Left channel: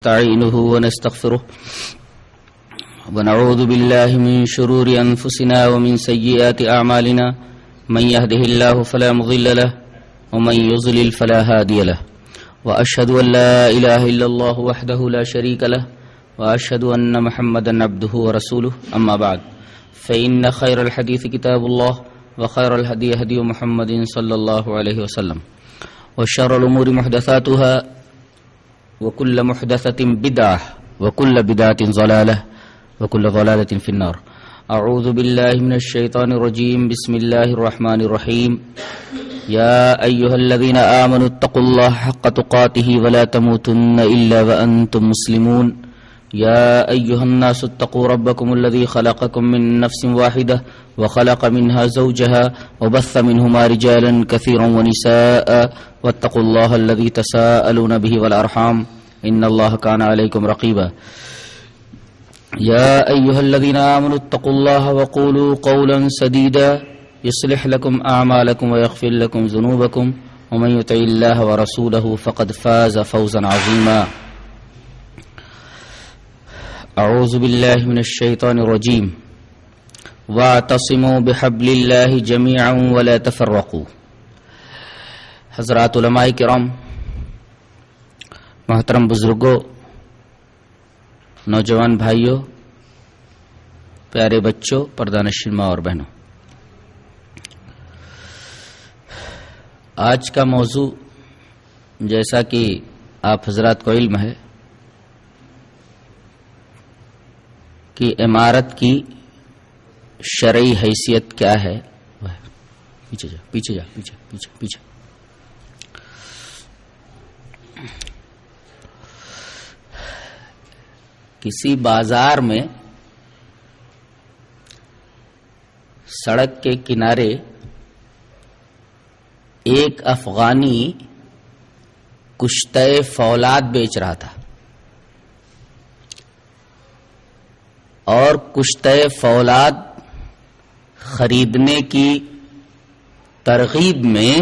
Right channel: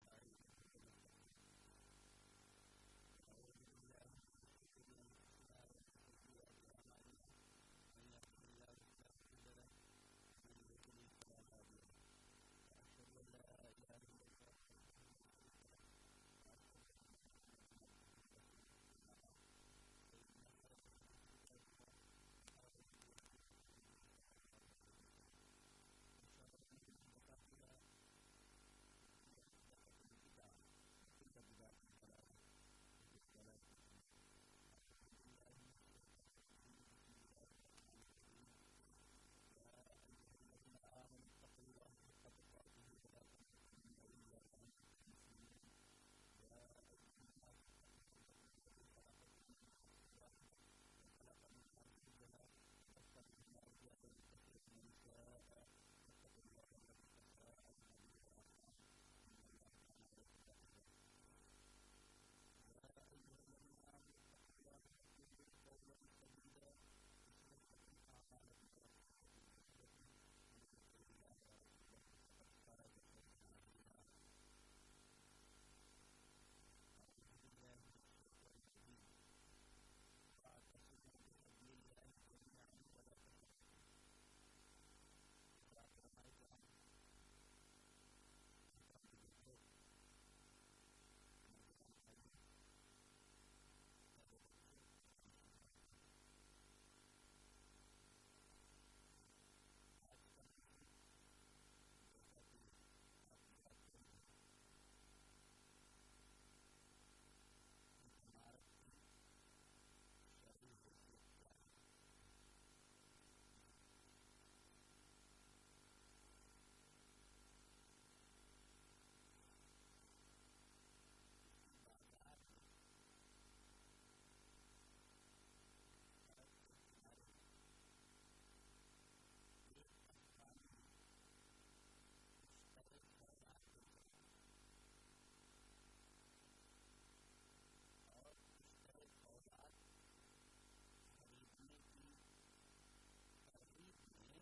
نستعينه ونستغفره ونعوذ بالله من شرور أنفسنا ومن سيئات أعمالنا من يهده الله فلا مضل له ومن يضلل فلا هادي له وأشهد أن لا إله إلا الله وحده لا شريك له وأشهد أن محمدا عبده ورسوله أما بعد فإن خير الحديث كتاب الله وخير الهدي هدي محمد صلى الله عليه وسلم وشر الأمور محدثاتها وكل محدثة بدعة وكل بدعة ضلالة وكل ضلالة في النار. أعوذ بالله من الشيطان الرجيم. بسم الله الرحمن الرحيم. يا أيها الذين آمنوا اتقوا الله حق تقاته ولا تموتن إلا وأنتم مسلمون. يا أيها الناس اتقوا ربكم الذي خلقكم من نفس واحدة وخلق منها زوجها وبث منهما رجالا كثيرا ونساء واتقوا الله الذي تساءلون به والأرحام إن الله كان عليكم رقيبا. يا أيها الذين آمنوا اتقوا الله وقولوا قولا سديدا يصلح لكم أعمالكم ويغفر لكم ذنوبكم ومن يطع الله ورسوله فقد فاز فوزا عظيما. أعوذ بالله من الشيطان الرجيم. واعتصموا بحبل الله جميعا ولا تفرقوا. حضرات علماء کرام، محترم بزرگوں، نوجوان بھائیوں، پیارے بچوں، پردہ ماں اور بہنوں، آج کا موضوع جیسا کہ آپ حضرات کو علم ہے کہ عمارت کی شرعی حیثیت کیا ہے. پیچھے جا پیچھے جا پیچھے پیچھے پیچھے. کسی بازار میں سڑک کے کنارے ایک افغانی کشتہ فولاد بیچ رہا تھا اور کشتہ فولاد خریدنے کی ترغیب میں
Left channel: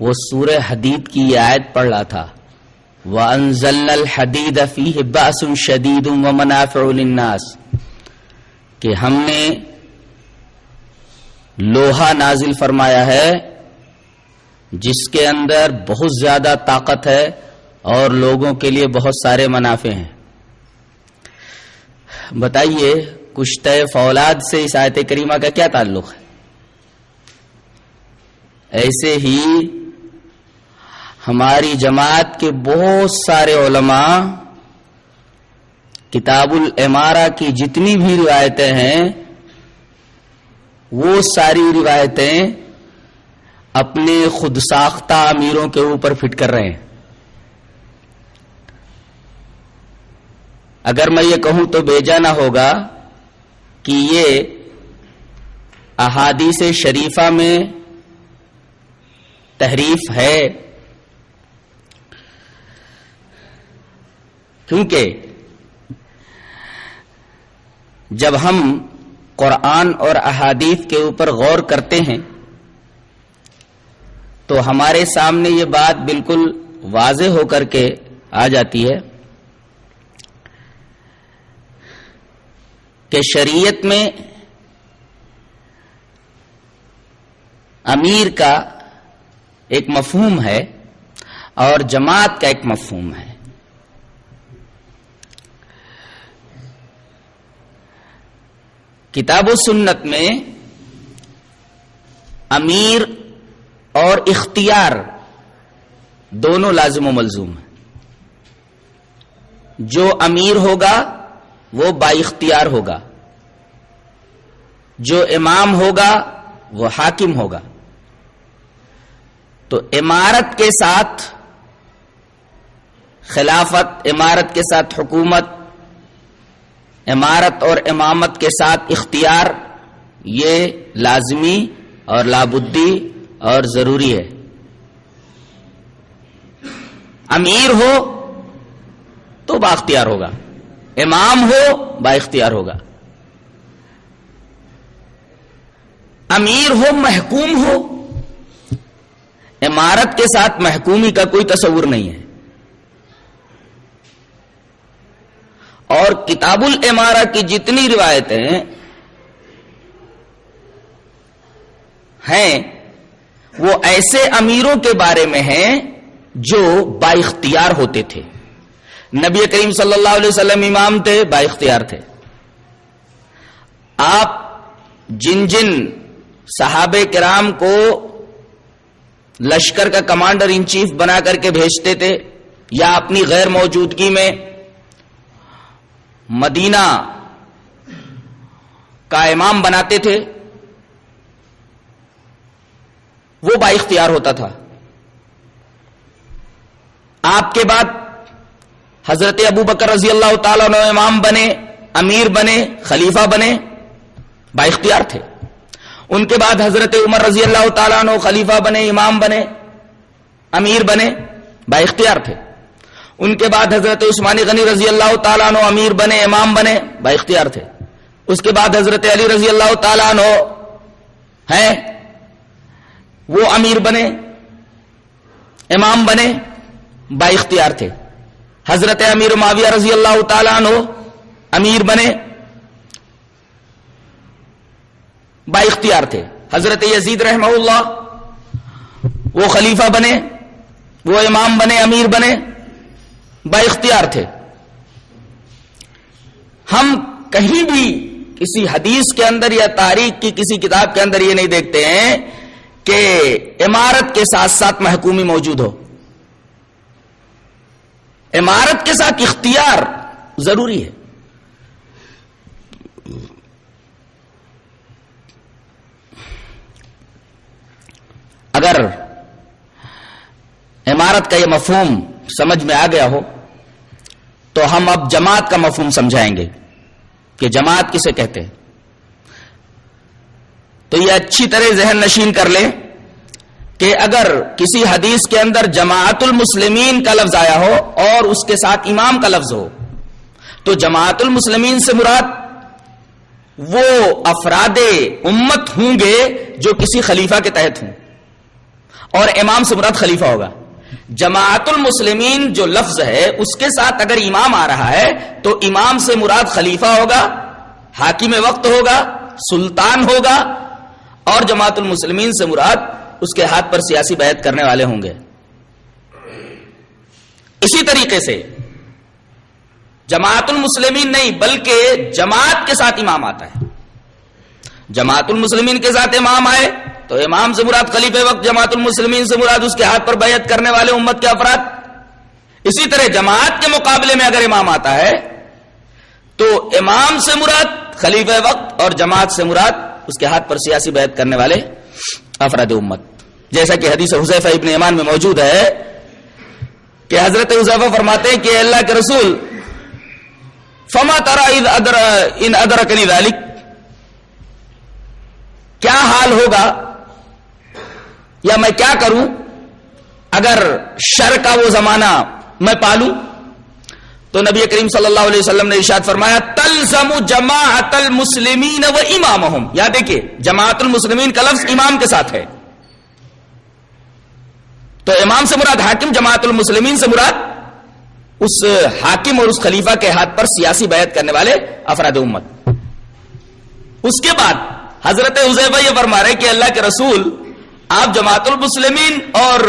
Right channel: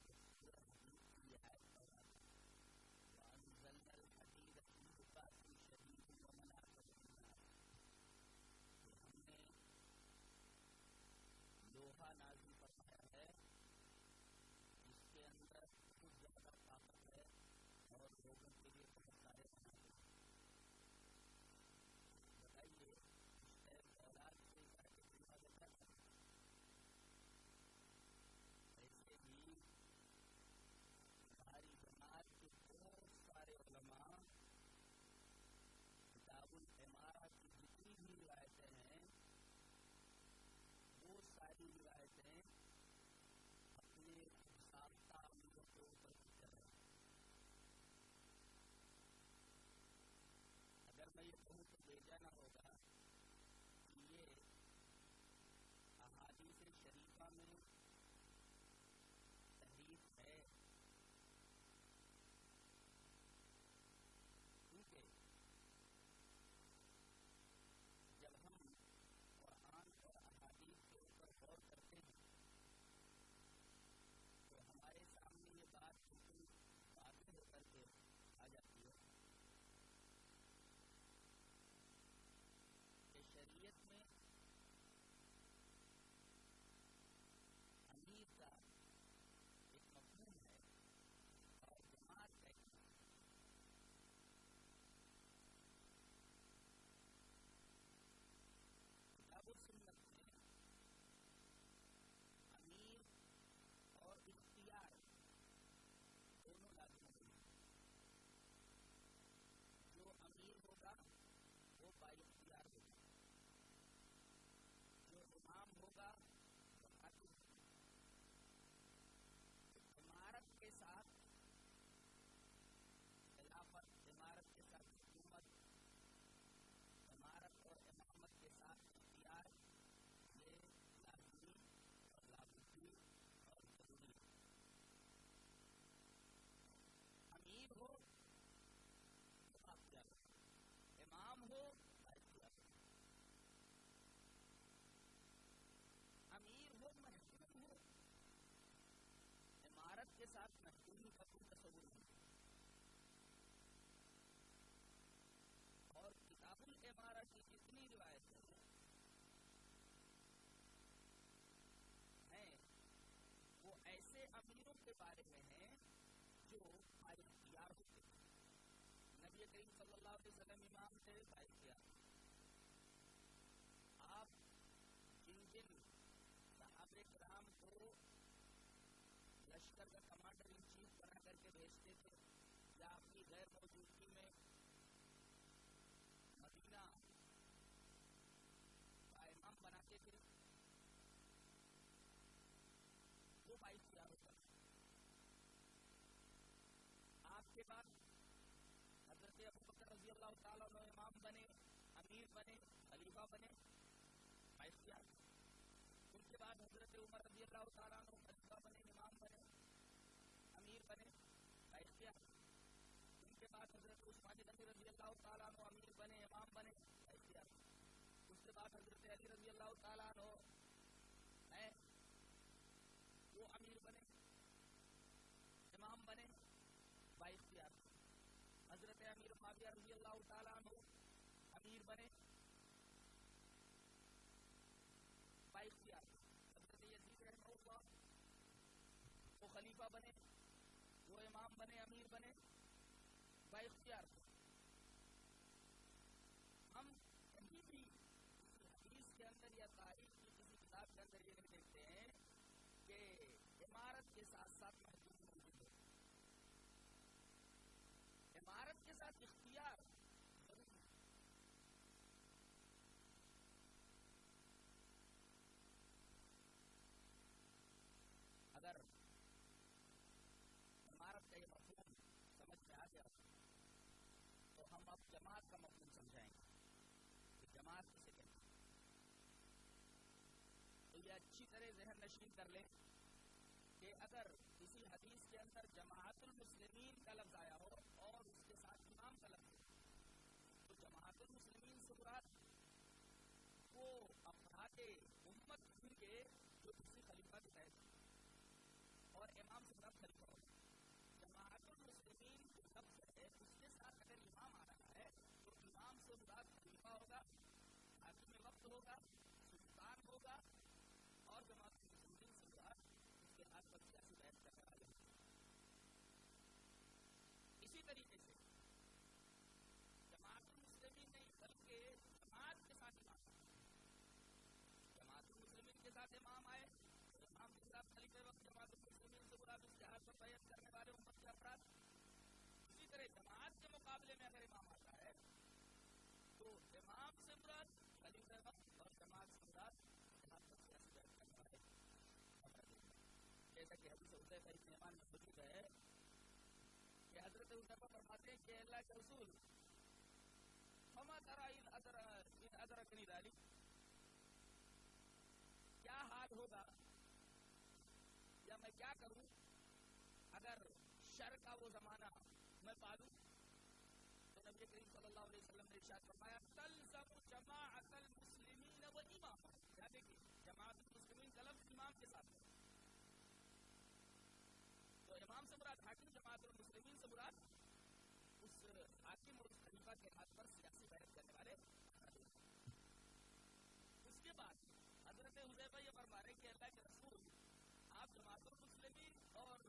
وہ سورہ حدید کی آیت پڑھ رہا تھا، وَأَنزَلْنَا الْحَدِيدَ فِيهِ بَأْسٌ شَدِيدٌ وَمَنَافِعُ لِلنَّاسِ، کہ ہم نے لوہا نازل فرمایا ہے جس کے اندر بہت زیادہ طاقت ہے اور لوگوں کے لیے بہت سارے منافع ہیں. بتائیے کشتہ فولاد سے اس آیت کریمہ کا کیا تعلق ہے؟ ایسے ہی ہماری جماعت کے بہت سارے علماء کتاب العمارہ کی جتنی بھی روایتیں ہیں وہ ساری روایتیں اپنے خود ساختہ امیروں کے اوپر فٹ کر رہے ہیں. اگر میں یہ کہوں تو بیجا نہ ہوگا کہ یہ احادیث شریفہ میں تحریف ہے، کیونکہ جب ہم قرآن اور احادیث کے اوپر غور کرتے ہیں تو ہمارے سامنے یہ بات بالکل واضح ہو کر کے آ جاتی ہے کہ شریعت میں امیر کا ایک مفہوم ہے اور جماعت کا ایک مفہوم ہے. کتاب و سنت میں امیر اور اختیار دونوں لازم و ملزوم ہیں. جو امیر ہوگا وہ با اختیار ہوگا، جو امام ہوگا وہ حاکم ہوگا. تو امارت کے ساتھ خلافت، امارت کے ساتھ حکومت، امارت اور امامت کے ساتھ اختیار، یہ لازمی اور لابدی اور ضروری ہے. امیر ہو تو با اختیار ہوگا، امام ہو با اختیار ہوگا. امیر ہو محکوم ہو، عمارت کے ساتھ محکومی کا کوئی تصور نہیں ہے. اور کتاب الامارہ کی جتنی روایتیں ہیں وہ ایسے امیروں کے بارے میں ہیں جو با اختیار ہوتے تھے. نبی کریم صلی اللہ علیہ وسلم امام تھے، با اختیار تھے. آپ جن جن صحابہ کرام کو لشکر کا کمانڈر ان چیف بنا کر کے بھیجتے تھے یا اپنی غیر موجودگی میں مدینہ کا امام بناتے تھے، وہ با اختیار ہوتا تھا. آپ کے بعد حضرت ابو بکر رضی اللہ تعالیٰ عنہ امام بنے، امیر بنے، خلیفہ بنے، با اختیار تھے. ان کے بعد حضرت عمر رضی اللہ تعالیٰ عنہ خلیفہ بنے، امام بنے، امیر بنے، با اختیار تھے. ان کے بعد حضرت عثمان غنی رضی اللہ تعالیٰ عنہ امیر بنے، امام بنے، با اختیار تھے. اس کے بعد حضرت علی رضی اللہ تعالیٰ عنہ ہیں، وہ امیر بنے، امام بنے، با اختیار تھے. حضرت امیر معاویہ رضی اللہ تعالیٰ عنہ امیر بنے، با اختیار تھے. حضرت یزید رحمہ اللہ وہ خلیفہ بنے، وہ امام بنے، امیر بنے، با اختیار تھے. ہم کہیں بھی کسی حدیث کے اندر یا تاریخ کی کسی کتاب کے اندر یہ نہیں دیکھتے ہیں کہ امارت کے ساتھ ساتھ محکومی موجود ہو. امارت کے ساتھ اختیار ضروری ہے. اگر امارت کا یہ مفہوم سمجھ میں آ گیا ہو تو ہم اب جماعت کا مفہوم سمجھائیں گے کہ جماعت کسے کہتے ہیں. تو یہ اچھی طرح ذہن نشین کر لیں کہ اگر کسی حدیث کے اندر جماعت المسلمین کا لفظ آیا ہو اور اس کے ساتھ امام کا لفظ ہو تو جماعت المسلمین سے مراد وہ افراد امت ہوں گے جو کسی خلیفہ کے تحت ہوں، اور امام سے مراد خلیفہ ہوگا. جماعت المسلمین جو لفظ ہے اس کے ساتھ اگر امام آ رہا ہے تو امام سے مراد خلیفہ ہوگا، حاکم وقت ہوگا، سلطان ہوگا، اور جماعت المسلمین سے مراد اس کے ہاتھ پر سیاسی بیعت کرنے والے ہوں گے. اسی طریقے سے جماعت المسلمین نہیں بلکہ جماعت کے ساتھ امام آتا ہے. جماعت المسلمین کے ساتھ امام آئے تو امام سے مراد خلیفہ وقت، جماعت المسلمین سے مراد اس کے ہاتھ پر بیعت کرنے والے امت کے افراد. اسی طرح جماعت کے مقابلے میں اگر امام آتا ہے تو امام سے مراد خلیفہ وقت اور جماعت سے مراد اس کے ہاتھ پر سیاسی بیعت کرنے والے افراد امت. جیسا کہ حدیث حذیفہ ابن یمان میں موجود ہے کہ حضرت حذیفہ فرماتے ہیں کہ اللہ کے رسول فما ترى ان ادرکنی ذلک، کیا حال ہوگا یا میں کیا کروں اگر شر کا وہ زمانہ میں پالوں. تو نبی کریم صلی اللہ علیہ وسلم نے ارشاد فرمایا تلزم جماعت المسلمین و امامہم. یا دیکھیے جماعت المسلمین کا لفظ امام کے ساتھ ہے تو امام سے مراد حاکم، جماعت المسلمین سے مراد اس حاکم اور اس خلیفہ کے ہاتھ پر سیاسی بیعت کرنے والے افراد امت. اس کے بعد حضرت حذیفہ یہ فرما رہے کہ اللہ کے رسول آپ جماعت المسلمین اور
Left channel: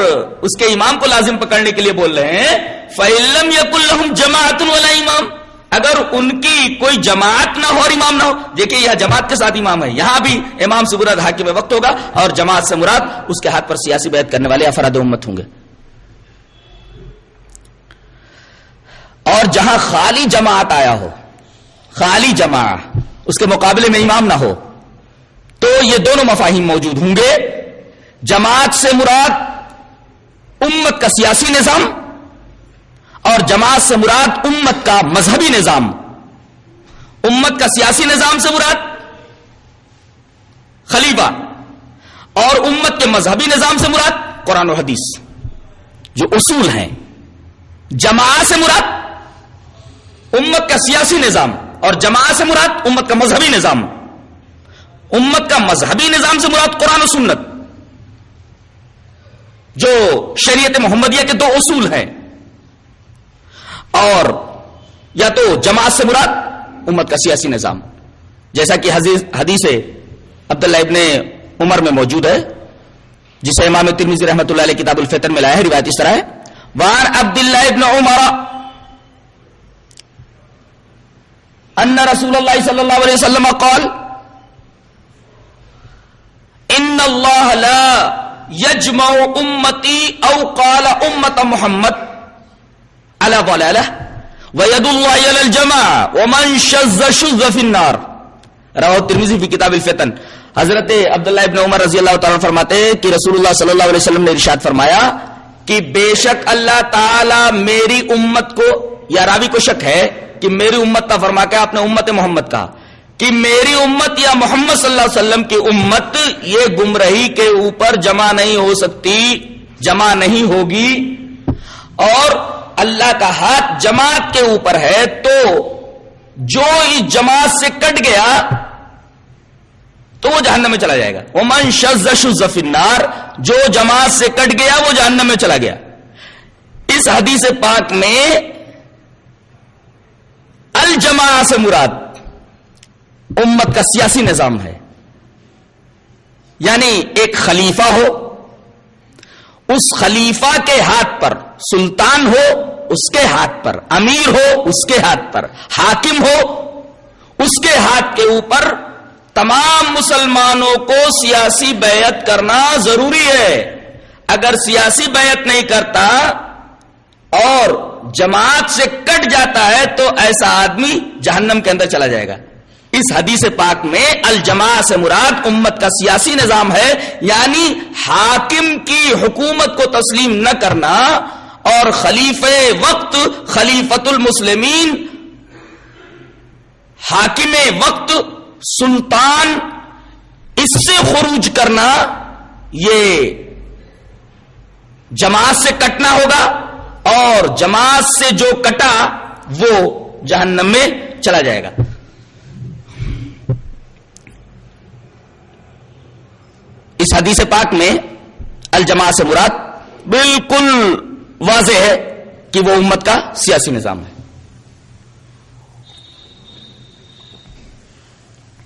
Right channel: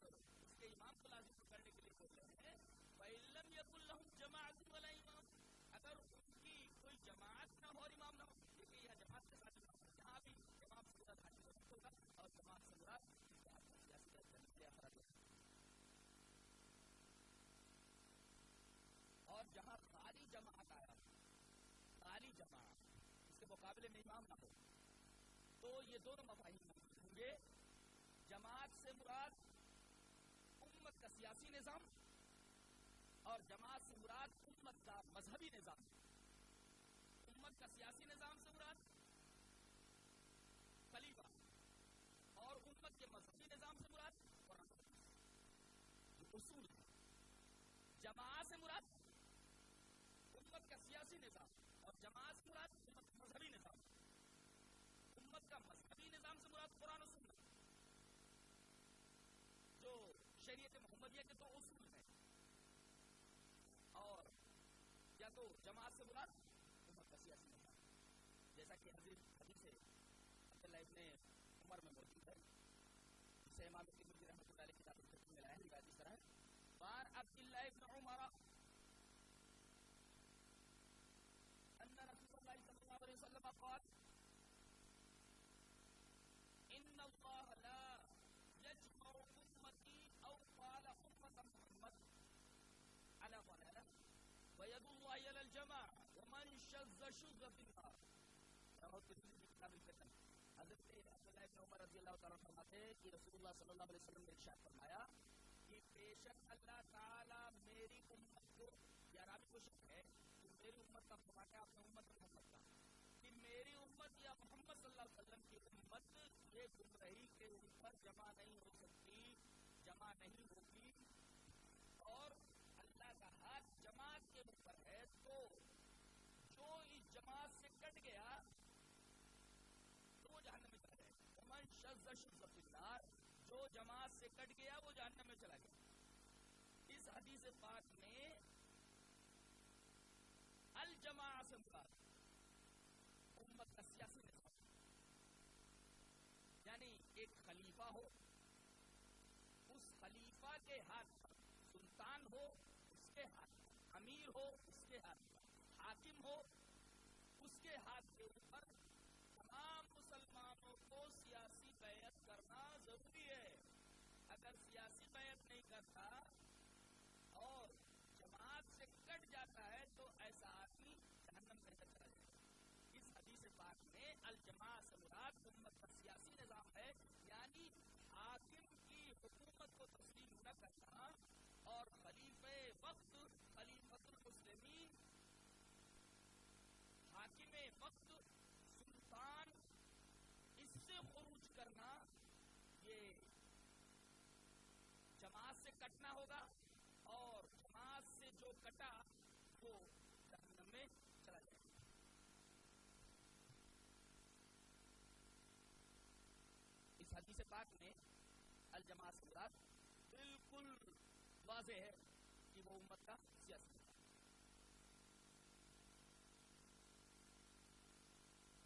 اس کے امام کو لازم پکڑنے کے لیے بول رہے ہیں. فَإِن لَّمْ يَكُن لَّهُمْ جَمَاعَةٌ وَلَا امام، اگر ان کی کوئی جماعت نہ ہو اور امام نہ ہو. دیکھیے یہاں جماعت کے ساتھ امام ہے، یہاں بھی امام سے مراد حاکم وقت ہوگا اور جماعت سے مراد اس کے ہاتھ پر سیاسی بیعت کرنے والے افراد امت ہوں گے. اور جہاں خالی جماعت آیا ہو، خالی جماعت، اس کے مقابلے میں امام نہ ہو، تو یہ دونوں مفاہیم موجود ہوں گے. جماعت سے مراد امت کا سیاسی نظام اور جماعت سے مراد امت کا مذہبی نظام. امت کا سیاسی نظام سے مراد خلیفہ اور امت کے مذہبی نظام سے مراد قرآن و حدیث جو اصول ہیں. جماعت سے مراد امت کا سیاسی نظام اور جماعت سے مراد امت کا مذہبی نظام. امت کا مذہبی نظام سے مراد قرآن و سنت جو شریعت محمدیہ کے دو اصول ہیں، اور یا تو جماعت سے مراد امت کا سیاسی نظام، جیسا کہ حدیث عبداللہ ابن عمر میں موجود ہے، جسے امام ترمذی رحمۃ اللہ علیہ کتاب الفتن میں لایا ہے. روایت اس طرح ہے، وعن عبداللہ ابن عمر ان رسول اللہ صلی اللہ علیہ وسلم قال ان اللہ لا یجمع امتی او قال امت محمد علی ضلالہ وید اللہ علی الجماع ومن شذ شذ فی النار. رواہ ترمذی فی کتاب الفتن. حضرت عبداللہ ابن عمر رضی اللہ تعالیٰ فرماتے ہیں کہ رسول اللہ صلی اللہ علیہ وسلم نے ارشاد فرمایا کہ بے شک اللہ تعالی میری امت کو، یا راوی کو شک ہے کہ میری امت کا فرما کے آپ نے امت محمد کہا، کہ میری امت یا محمد صلی اللہ علیہ وسلم کی امت یہ گمراہی کے اوپر جمع نہیں ہو سکتی، جمع نہیں ہوگی، اور اللہ کا ہاتھ جماعت کے اوپر ہے، تو جو اس جماعت سے کٹ گیا تو وہ جہنم میں چلا جائے گا. ومن شذ شذ فی النار، جو جماعت سے کٹ گیا وہ جہنم میں چلا گیا. اس حدیث پاک میں الجماع سے مراد امت کا سیاسی نظام ہے، یعنی ایک خلیفہ ہو، اس خلیفہ کے ہاتھ پر سلطان ہو، اس کے ہاتھ پر امیر ہو، اس کے ہاتھ پر حاکم ہو، اس کے ہاتھ کے اوپر تمام مسلمانوں کو سیاسی بیعت کرنا ضروری ہے. اگر سیاسی بیعت نہیں کرتا اور جماعت سے کٹ جاتا ہے تو ایسا آدمی جہنم کے اندر چلا جائے گا. اس حدیث پاک میں الجماع سے مراد امت کا سیاسی نظام ہے، یعنی حاکم کی حکومت کو تسلیم نہ کرنا اور خلیفہ وقت، خلیفۃ المسلمین، حاکم وقت، سلطان، اس سے خروج کرنا، یہ جماعت سے کٹنا ہوگا، اور جماعت سے جو کٹا وہ جہنم میں چلا جائے گا. اس حدیث پاک میں الجماع سے مراد بالکل واضح ہے کہ وہ امت کا سیاسی نظام ہے.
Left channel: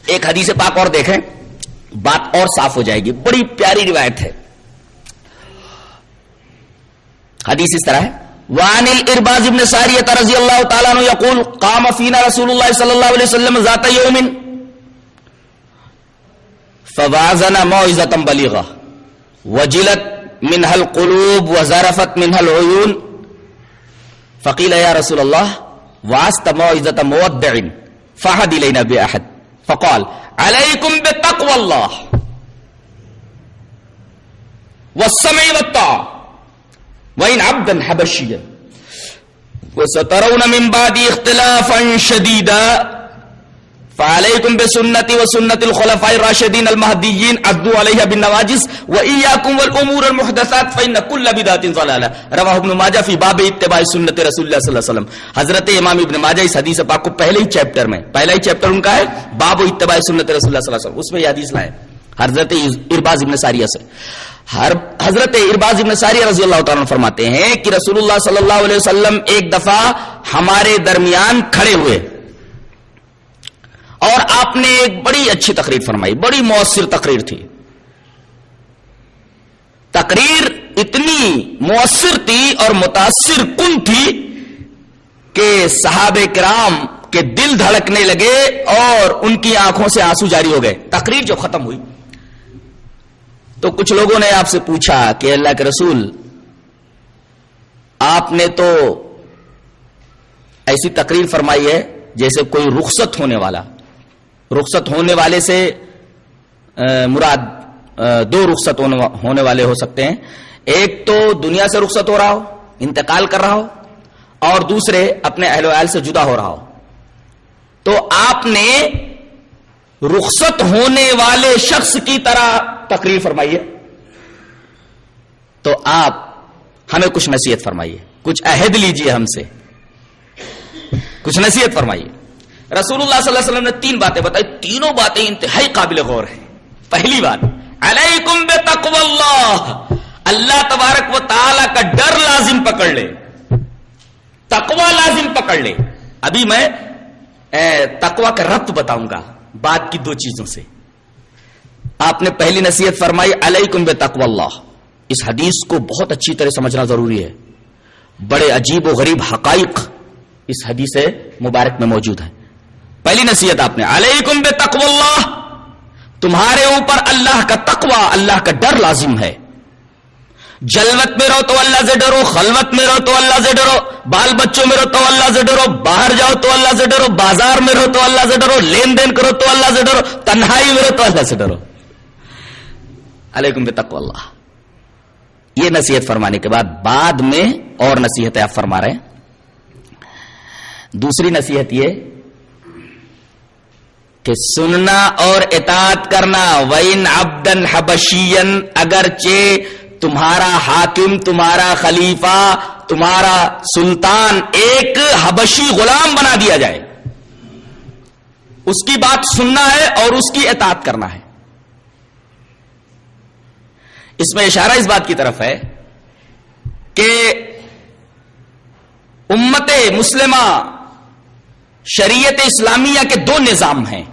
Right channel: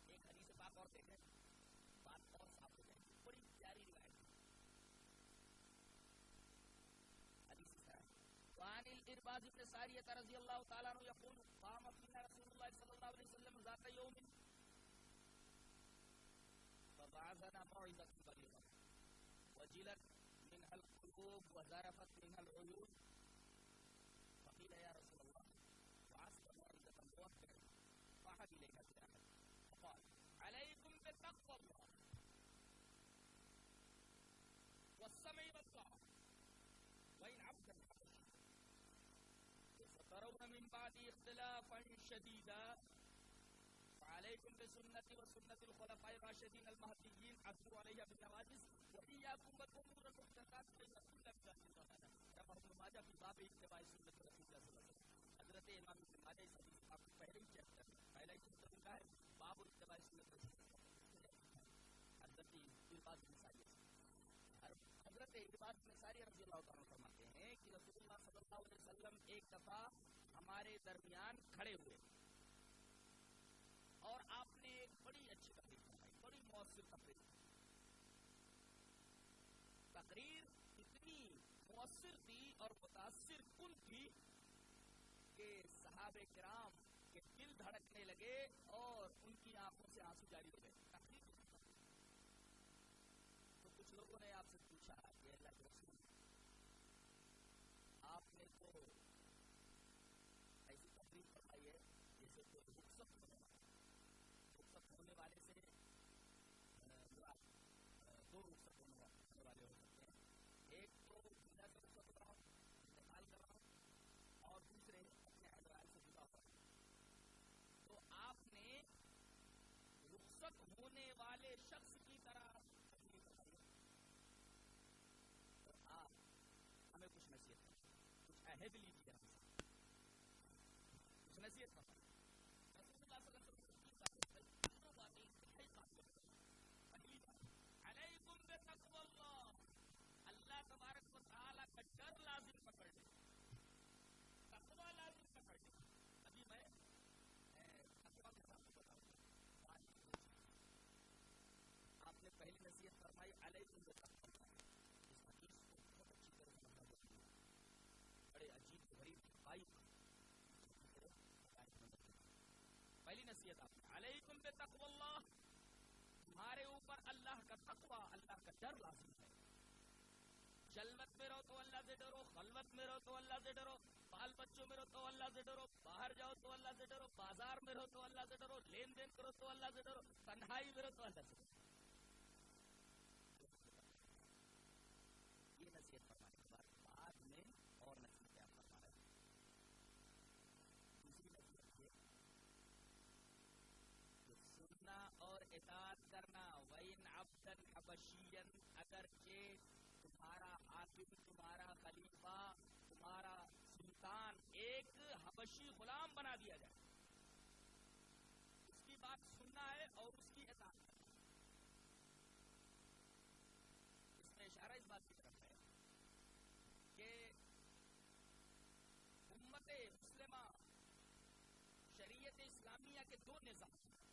ایک حدیث پاک اور دیکھیں، بات اور صاف ہو جائے گی. بڑی پیاری روایت ہے. حدیث اس طرح ہے، وعن الارباز بن ساریہ رضی اللہ تعالیٰ عنہ یقول قام فینا رسول اللہ صلی اللہ علیہ وسلم ذات یوم فوعظنا موعظة بلیغة وجلت منها القلوب وزرفت منها العيون فقیل یا رسول اللہ وعظت موعظة مودع فاحد الینا باحد فقال علیکم بتقوى اللہ والسمع والطاعة وإن عبدا حبشيا وسترون من بعد اختلافا شديدا فعليكم بسنتي وسنة الخلفاء الراشدين المهديين عضوا عليها بالنواجذ وإياكم والأمور المحدثات فإن كل بدعة ضلالة. رواه ابن ماجہ فی باب اتباع سنت رسول اللہ صلی اللہ علیہ وسلم. حضرت امام ابن ماجہ اس حدیث پاک کو پہلے ہی چیپٹر میں، پہلا ہی چیپٹر ان کا ہے باب اتباع سنت رسول اللہ صلی اللہ علیہ وسلم، اس میں یہ حدیث لائے حضرت ارباز ابن ساریہ سے. حضرت ارباز ابن ساریہ رضی اللہ تعالیٰ عنہ فرماتے ہیں کہ رسول اللہ صلی اللہ علیہ وسلم ایک دفعہ ہمارے درمیان کھڑے ہوئے اور آپ نے ایک بڑی اچھی تقریر فرمائی، بڑی مؤثر تقریر تھی. تقریر اتنی مؤثر تھی اور متاثر کن تھی کہ صحابہ کرام کے دل دھڑکنے لگے اور ان کی آنکھوں سے آنسو جاری ہو گئے. تقریر جو ختم ہوئی تو کچھ لوگوں نے آپ سے پوچھا کہ اللہ کے رسول، آپ نے تو ایسی تقریر فرمائی ہے جیسے کوئی رخصت ہونے والا. رخصت ہونے والے سے مراد دو رخصت ہونے والے ہو سکتے ہیں، ایک تو دنیا سے رخصت ہو رہا ہو، انتقال کر رہا ہو، اور دوسرے اپنے اہل و عیال سے جدا ہو رہا ہو. تو آپ نے رخصت ہونے والے شخص کی طرح تقریر فرمائیے. تو آپ ہمیں کچھ نصیحت فرمائیے، کچھ عہد لیجئے ہم سے، کچھ نصیحت فرمائیے. رسول اللہ صلی اللہ علیہ وسلم نے 3 باتیں بتائی، تینوں باتیں انتہائی قابل غور ہیں. پہلی بات، علیکم بتقوی اللہ، اللہ تبارک و تعالی کا ڈر لازم پکڑ لے، تقوی لازم پکڑ لے. ابھی میں تقوی کا ربط بتاؤں گا بعد کی 2 چیزوں سے. آپ نے پہلی نصیحت فرمائی علیکم بتقوی اللہ. اس حدیث کو بہت اچھی طرح سمجھنا ضروری ہے. بڑے عجیب و غریب حقائق اس حدیث مبارک میں موجود ہیں. پہلی نصیحت آپ نے علیکم بتقوی اللہ، تمہارے اوپر اللہ کا تقوی، اللہ کا ڈر لازم ہے. جلوت میں رہو تو اللہ سے ڈرو، خلوت میں رہو تو اللہ سے ڈرو، بال بچوں میں رہو تو اللہ سے ڈرو، باہر جاؤ تو اللہ سے ڈرو، بازار میں رہو تو اللہ سے ڈرو، لین دین کرو تو اللہ سے ڈرو، تنہائی میں رہو تو اللہ سے ڈرو. علیکم بتقوی اللہ. یہ نصیحت فرمانے کے بعد میں اور نصیحتیں آپ فرما رہے ہیں. دوسری نصیحت یہ کہ سننا اور اطاعت کرنا. وَإِنْ عَبْدًا حَبَشِيًّا، اگرچہ تمہارا حاکم، تمہارا خلیفہ، تمہارا سلطان ایک حبشی غلام بنا دیا جائے، اس کی بات سننا ہے اور اس کی اطاعت کرنا ہے. اس میں اشارہ اس بات کی طرف ہے کہ امت مسلمہ شریعت اسلامیہ کے 2 نظام ہیں.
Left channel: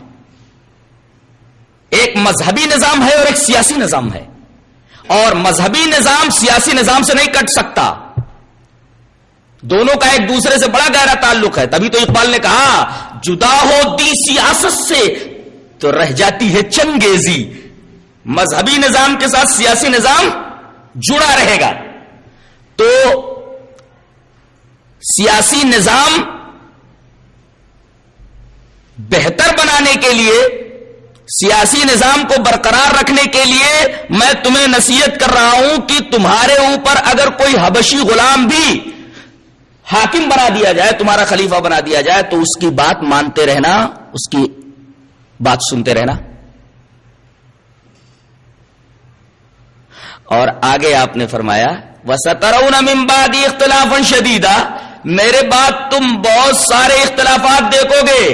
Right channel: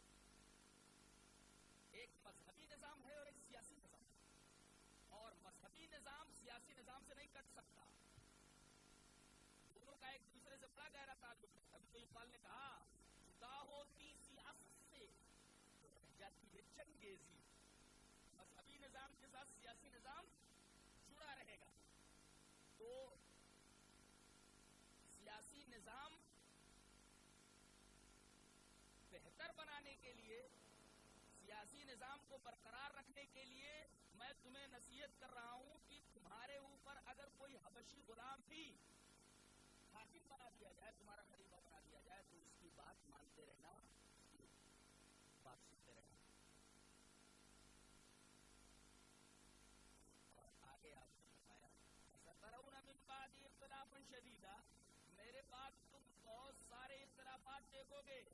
ایک مذہبی نظام ہے اور ایک سیاسی نظام ہے، اور مذہبی نظام سیاسی نظام سے نہیں کٹ سکتا. دونوں کا ایک دوسرے سے بڑا گہرا تعلق ہے. تبھی تو اقبال نے کہا جدا ہو دی سیاست سے تو رہ جاتی ہے چنگیزی. مذہبی نظام کے ساتھ سیاسی نظام جڑا رہے گا. تو سیاسی نظام بہتر بنانے کے لیے، سیاسی نظام کو برقرار رکھنے کے لیے میں تمہیں نصیحت کر رہا ہوں کہ تمہارے اوپر اگر کوئی حبشی غلام بھی حاکم بنا دیا جائے، تمہارا خلیفہ بنا دیا جائے، تو اس کی بات مانتے رہنا، اس کی بات سنتے رہنا. اور آگے آپ نے فرمایا وَسَتَرَوْنَ مِن بَعْدِ اخْتِلَافًا شَدِيدًا، میرے بعد تم بہت سارے اختلافات دیکھو گے.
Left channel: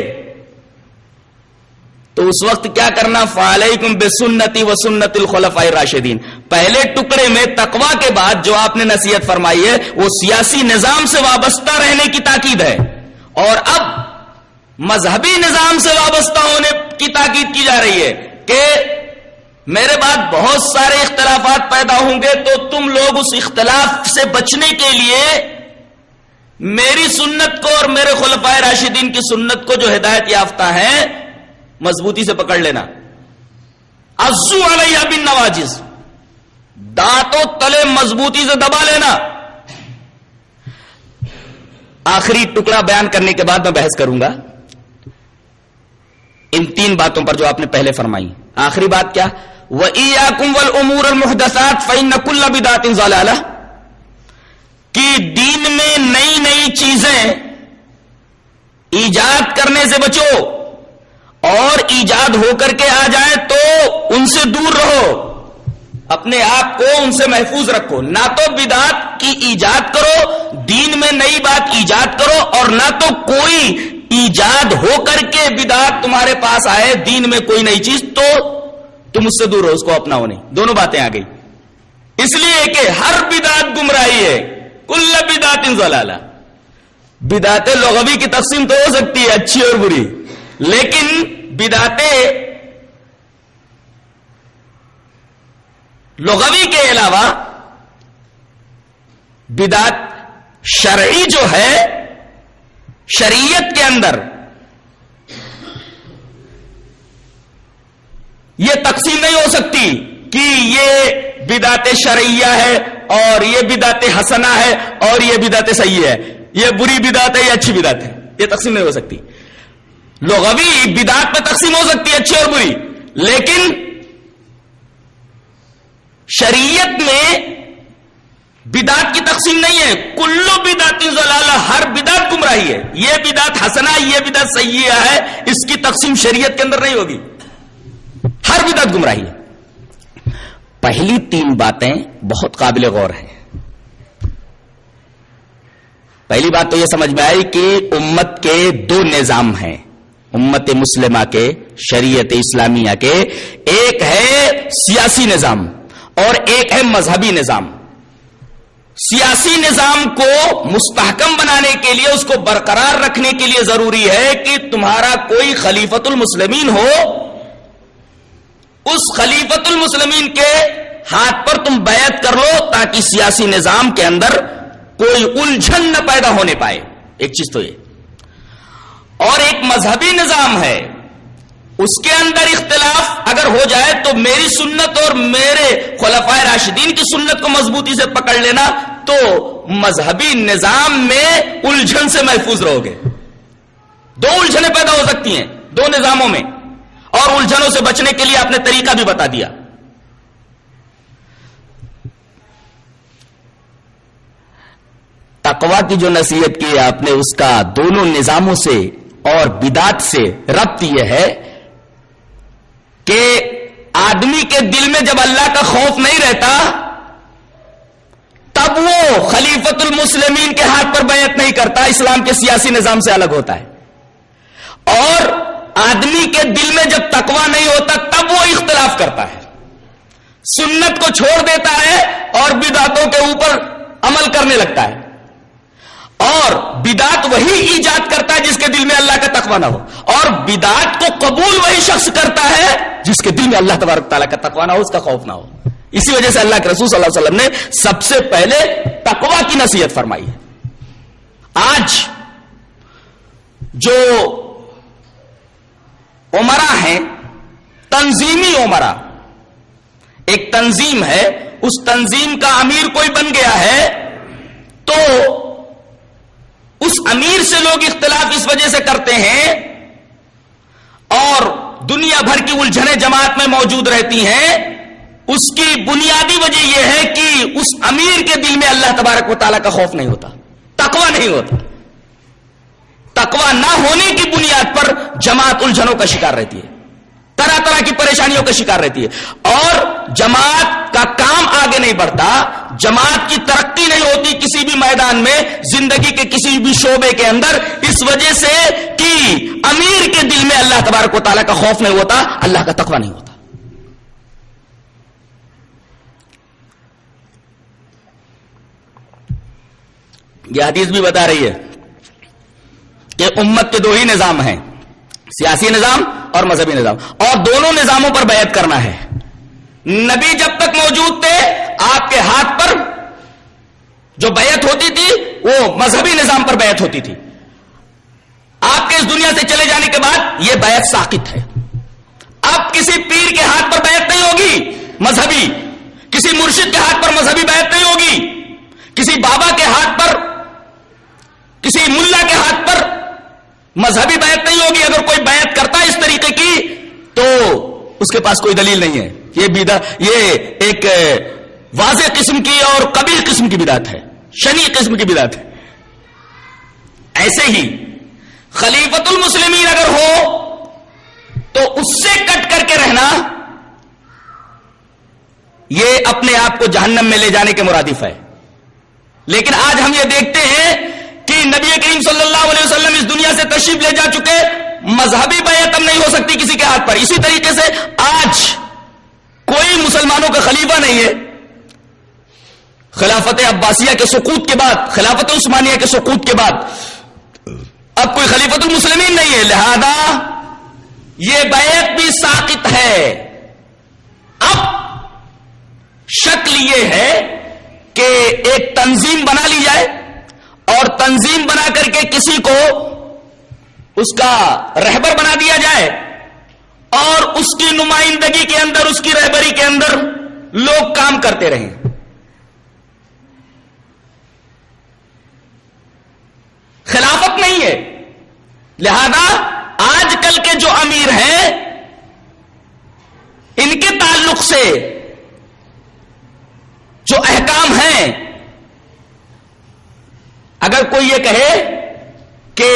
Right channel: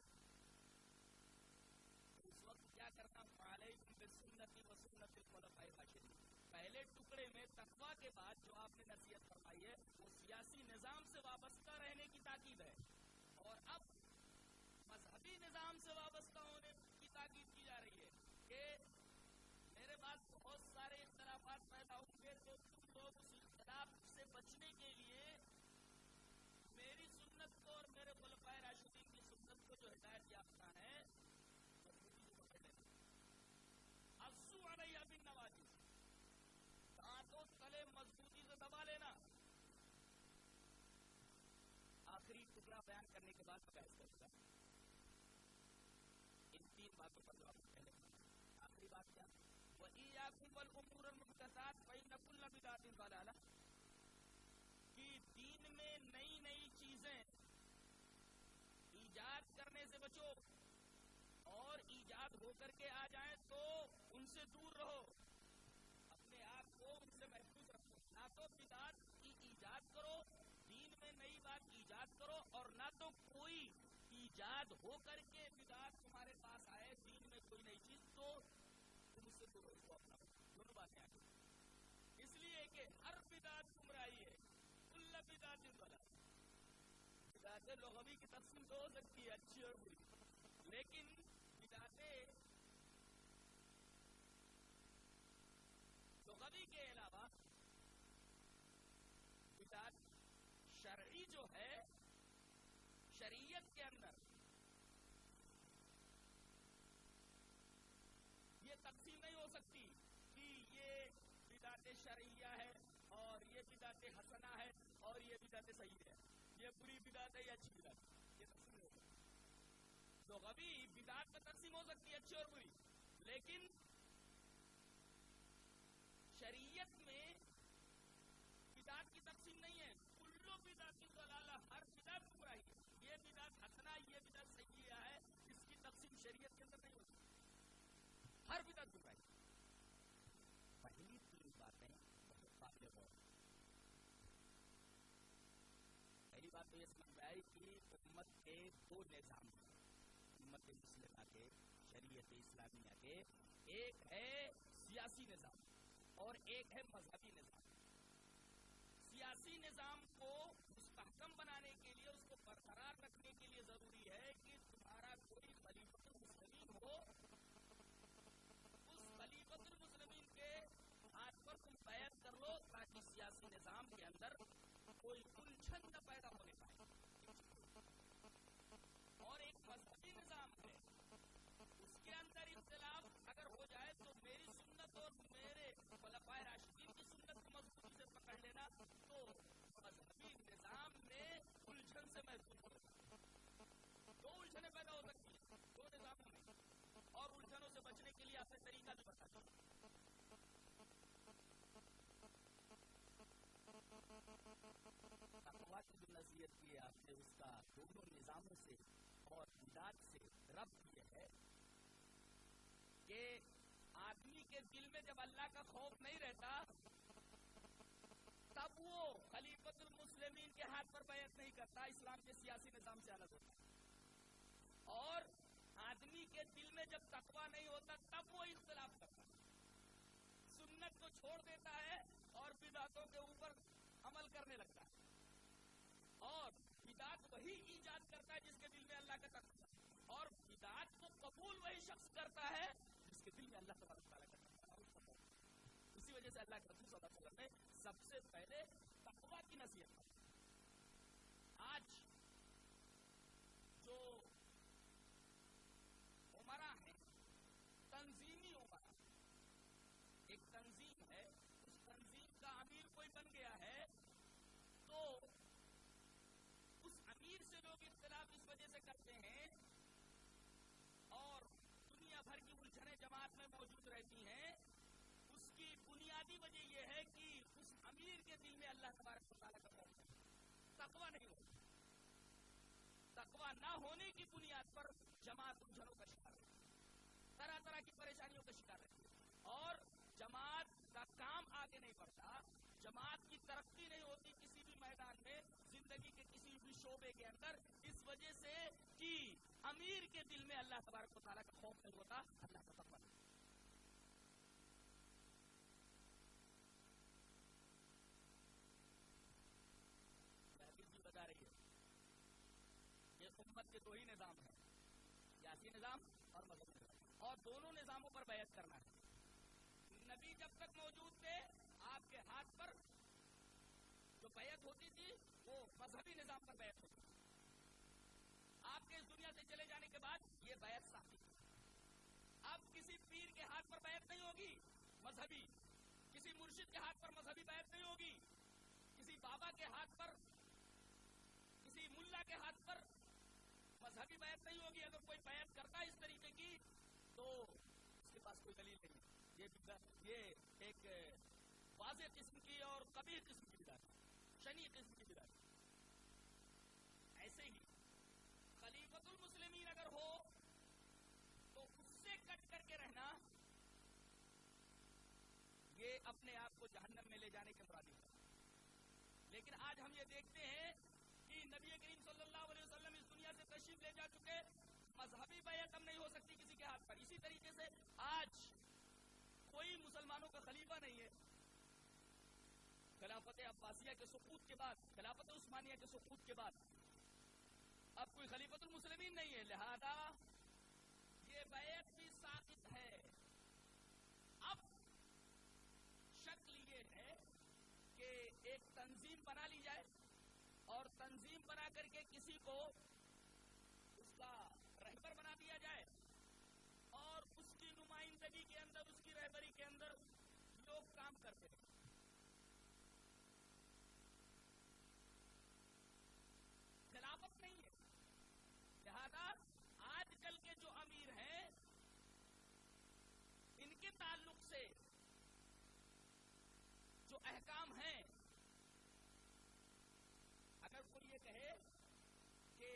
تو اس وقت کیا کرنا؟ فَعَلَيْكُمْ بِسُنَّتِي وَسُنَّتِ الْخُلَفَاءِ الرَّاشِدِينَ. پہلے ٹکڑے میں تقوی کے بعد جو آپ نے نصیحت فرمائی ہے وہ سیاسی نظام سے وابستہ رہنے کی تاکید ہے، اور اب مذہبی نظام سے وابستہ ہونے کی تاکید کی جا رہی ہے کہ میرے بعد بہت سارے اختلافات پیدا ہوں گے، تو تم لوگ اس اختلاف سے بچنے کے لیے میری سنت کو اور میرے خلفائے راشدین کی سنت کو جو ہدایت یافتہ ہیں مضبوطی سے پکڑ لینا. عضو علیہ بالنواجذ، دانتوں تلے مضبوطی سے دبا لینا. آخری ٹکڑا بیان کرنے کے بعد میں بحث کروں گا ان 3 باتوں پر جو آپ نے پہلے فرمائی. آخری بات کیا؟ وَإِيَّاكُمْ وَالْأُمُورَ الْمُحْدَثَاتِ فَإِنَّ كُلَّ بِدْعَةٍ ضَلَالَةٍ، کہ دین میں نئی نئی چیزیں ایجاد کرنے سے بچو، اور ایجاد ہو کر کے آ جائے تو ان سے دور رہو، اپنے آپ کو ان سے محفوظ رکھو. نہ تو بدعت کی ایجاد کرو، دین میں نئی بات ایجاد کرو، اور نہ تو کوئی ایجاد ہو کر کے بدعت تمہارے پاس آئے، دین میں کوئی نئی چیز، تو تم اس سے دور رہو، اس کو اپناؤ نہیں. دونوں باتیں آ گئی. اس لیے کہ ہر بدعت گمراہی ہے. کل بدعت ضلالہ. بدعت لغوی کی تقسیم تو ہو سکتی ہے اچھی اور بری، لیکن بدعت لغوی کے علاوہ بدعت شرعی جو ہے شریعت کے اندر، یہ تقسیم نہیں ہو سکتی کہ یہ بدعت شرعیہ ہے اور یہ بدعت حسنہ ہے اور یہ بدعت صحیح ہے، یہ بری بدعت ہے یہ اچھی بدعت ہے. یہ تقسیم نہیں ہو سکتی. لغوی بدعت میں تقسیم ہو سکتی ہے اچھی اور بری، لیکن شریعت میں بدعت کی تقسیم نہیں ہے. کلو بدعت ضلالہ، ہر بدعت گمراہی ہے. یہ بدعت حسنہ، یہ بدعت سیئہ ہے، اس کی تقسیم شریعت کے اندر نہیں ہوگی. ہر بدعت گمراہی ہے. پہلی 3 باتیں بہت قابل غور ہیں. پہلی بات تو یہ سمجھ میں آئی کہ امت کے 2 نظام ہیں، امت مسلمہ کے، شریعت اسلامیہ کے. ایک ہے سیاسی نظام اور ایک ہے مذہبی نظام. سیاسی نظام کو مستحکم بنانے کے لیے، اس کو برقرار رکھنے کے لیے ضروری ہے کہ تمہارا کوئی خلیفۃ المسلمین ہو، اس خلیفۃ المسلمین کے ہاتھ پر تم بیعت کر لو تاکہ سیاسی نظام کے اندر کوئی الجھن نہ پیدا ہونے پائے. ایک چیز تو یہ. اور ایک مذہبی نظام ہے، اس کے اندر اختلاف اگر ہو جائے تو میری سنت اور میرے خلفائے راشدین کی سنت کو مضبوطی سے پکڑ لینا، تو مذہبی نظام میں الجھن سے محفوظ رہو گے. دو الجھنیں پیدا ہو سکتی ہیں دو نظاموں میں، اور الجھنوں سے بچنے کے لیے آپ نے طریقہ بھی بتا دیا. تقویٰ کی جو نصیحت کی آپ نے، اس کا دونوں نظاموں سے اور بدعت سے ربط یہ ہے کہ آدمی کے دل میں جب اللہ کا خوف نہیں رہتا تب وہ خلیفۃ المسلمین کے ہاتھ پر بیعت نہیں کرتا، اسلام کے سیاسی نظام سے الگ ہوتا ہے. اور آدمی کے دل میں جب تقویٰ نہیں ہوتا تب وہ اختلاف کرتا ہے، سنت کو چھوڑ دیتا ہے اور بدعتوں کے اوپر عمل کرنے لگتا ہے. اور بدعت وہی ایجاد کرتا ہے جس کے دل میں اللہ کا تقویٰ نہ ہو، اور بدعت کو قبول وہی شخص کرتا ہے جس کے دل میں اللہ تبارک تعالیٰ کا تقویٰ نہ ہو، اس کا خوف نہ ہو. اسی وجہ سے اللہ کے رسول صلی اللہ علیہ وسلم نے سب سے پہلے تقویٰ کی نصیحت فرمائی ہے. آج جو امراء ہیں، تنظیمی امراء، ایک تنظیم ہے، اس تنظیم کا امیر کوئی بن گیا ہے تو اس امیر سے لوگ اختلاف اس وجہ سے کرتے ہیں، اور دنیا بھر کی الجھنیں جماعت میں موجود رہتی ہیں. اس کی بنیادی وجہ یہ ہے کہ اس امیر کے دل میں اللہ تبارک و تعالیٰ کا خوف نہیں ہوتا، تقویٰ نہیں ہوتا. تقویٰ نہ ہونے کی بنیاد پر جماعت الجھنوں کا شکار رہتی ہے، طرح طرح کی پریشانیوں کا شکار رہتی ہے، اور جماعت کا کام آگے نہیں بڑھتا، جماعت کی ترقی نہیں ہوتی کسی بھی میدان میں، زندگی کے کسی بھی شعبے کے اندر، اس وجہ سے کہ امیر کے دل میں اللہ تبارک و تعالیٰ کا خوف نہیں ہوتا، اللہ کا تقویٰ نہیں ہوتا. یہ حدیث بھی بتا رہی ہے کہ امت کے دو ہی نظام ہیں، سیاسی نظام اور مذہبی نظام، اور دونوں نظاموں پر بیعت کرنا ہے. نبی جب تک موجود تھے آپ کے ہاتھ پر جو بیعت ہوتی تھی وہ مذہبی نظام پر بیعت ہوتی تھی. آپ کے اس دنیا سے چلے جانے کے بعد یہ بیعت ساقط ہے. اب کسی پیر کے ہاتھ پر بیعت نہیں ہوگی مذہبی، کسی مرشد کے ہاتھ پر مذہبی بیعت نہیں ہوگی، کسی بابا کے ہاتھ پر، کسی ملا کے ہاتھ پر مذہبی بیعت نہیں ہوگی. اگر کوئی بیعت کرتا ہے اس طریقے کی تو اس کے پاس کوئی دلیل نہیں ہے. یہ ایک واضح قسم کی اور قبیح قسم کی بدعت ہے، شنیع قسم کی بدعت ہے. ایسے ہی خلیفۃ المسلمین اگر ہو تو اس سے کٹ کر کے رہنا یہ اپنے آپ کو جہنم میں لے جانے کے مرادف ہے. لیکن آج ہم یہ دیکھتے ہیں کہ نبی کریم صلی اللہ علیہ وسلم اس دنیا سے تشریف لے جا چکے، مذہبی بیعت اب نہیں ہو سکتی کسی کے ہاتھ پر. اسی طریقے سے آج کوئی مسلمانوں کا خلیفہ نہیں ہے. خلافت عباسیہ کے سقوط کے بعد، خلافت عثمانیہ کے سقوط کے بعد اب کوئی خلیفۃ المسلمین نہیں ہے، لہذا یہ بیعت بھی ساقط ہے. اب شکل یہ ہے کہ ایک تنظیم بنا لی جائے، اور تنظیم بنا کر کے کسی کو اس کا رہبر بنا دیا جائے، اور اس کی نمائندگی کے اندر، اس کی رہبری کے اندر لوگ کام کرتے رہیں. خلافت نہیں ہے. لہذا آج کل کے جو امیر ہیں ان کے تعلق سے جو احکام ہیں، اگر کوئی یہ کہے کہ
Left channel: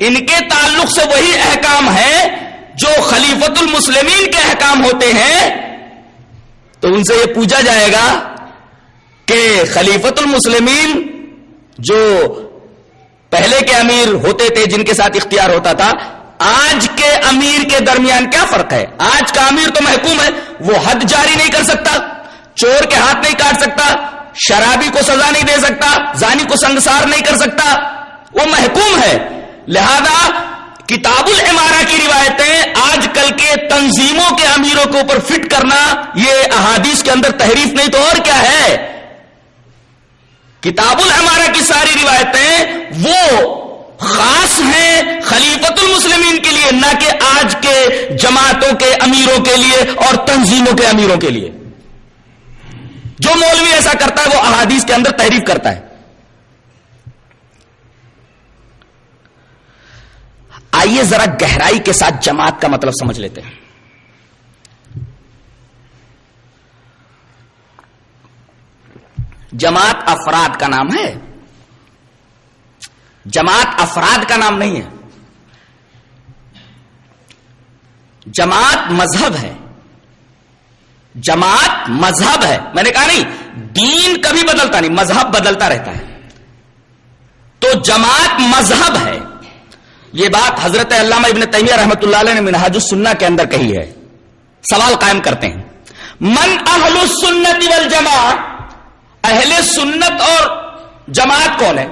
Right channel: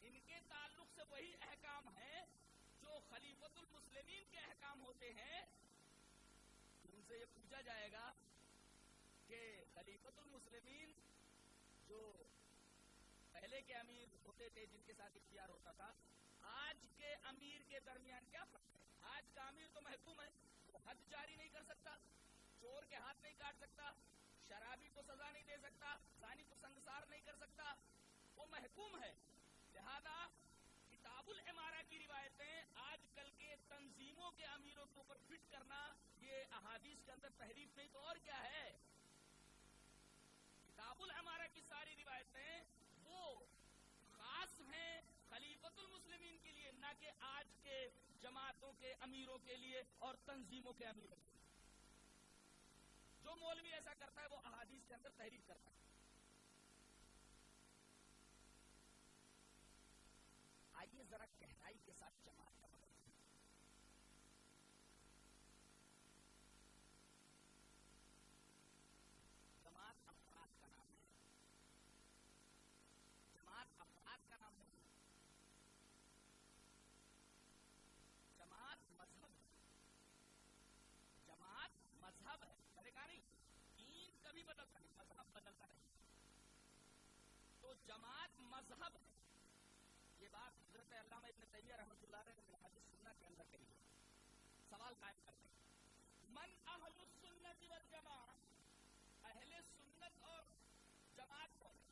ان کے تعلق سے وہی احکام ہیں جو خلیفۃ المسلمین کے احکام ہوتے ہیں، تو ان سے یہ پوچھا جائے گا کہ خلیفۃ المسلمین جو پہلے کے امیر ہوتے تھے، جن کے ساتھ اختیار ہوتا تھا، آج کے امیر کے درمیان کیا فرق ہے؟ آج کا امیر تو محکوم ہے، وہ حد جاری نہیں کر سکتا، چور کے ہاتھ نہیں کاٹ سکتا، شرابی کو سزا نہیں دے سکتا، زانی کو سنگسار نہیں کر سکتا، وہ محکوم ہے. لہذا کتاب العمارہ کی روایتیں آج کل کے تنظیموں کے امیروں کے اوپر فٹ کرنا، یہ احادیث کے اندر تحریف نہیں تو اور کیا ہے. کتاب العمارہ کی ساری روایتیں وہ خاص ہیں خلیفۃ المسلمین کے لیے، نہ کہ آج کے جماعتوں کے امیروں کے لیے اور تنظیموں کے امیروں کے لیے. جو مولوی ایسا کرتا ہے وہ احادیث کے اندر تحریف کرتا ہے. آئیے ذرا گہرائی کے ساتھ جماعت کا مطلب سمجھ لیتے ہیں. جماعت افراد کا نام ہے، جماعت افراد کا نام نہیں ہے. جماعت مذہب ہے، جماعت مذہب ہے. میں نے کہا نہیں دین کبھی بدلتا نہیں، مذہب بدلتا رہتا ہے. تو جماعت مذہب ہے. یہ بات حضرت علامہ ابن تیمیہ رحمۃ اللہ علیہ نے منہاج السنہ کے اندر کہی ہے. سوال قائم کرتے ہیں، من اہل السنت والجماعہ، اہل سنت اور جماعت کون ہے؟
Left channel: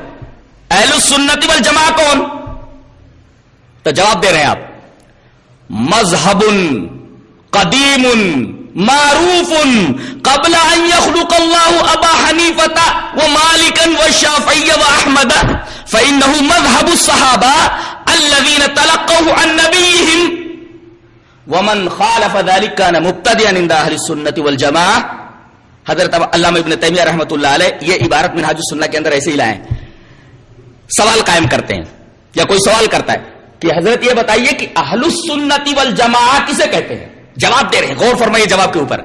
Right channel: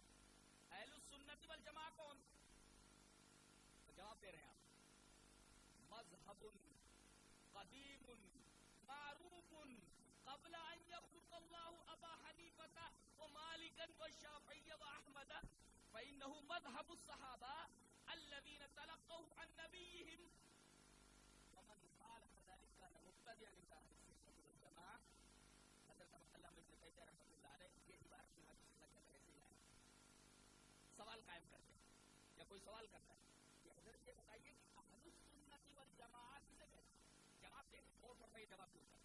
اہل السنت والجماعہ کون؟ تو جواب دے رہے ہیں آپ، مذہب قدیم معروف قبل ان يخلق الله ابا حنیفہ ومالکا والشافعی واحمد فانه مذهب الصحابہ الذين تلقوه عن نبيهم ومن خالف ذلك كان مبتدعا عند اہل السنت والجماعہ. حضرت علامہ ابن تیمیہ رحمۃ اللہ علیہ یہ عبارت منہاج السنہ کے اندر ایسے ہی لائیں. سوال قائم کرتے ہیں یا کوئی سوال کرتا ہے کہ حضرت یہ بتائیے کہ اہل السنت والجماعہ کسے کہتے ہیں؟ جواب دے رہے ہیں، غور فرمائیے جواب کے اوپر.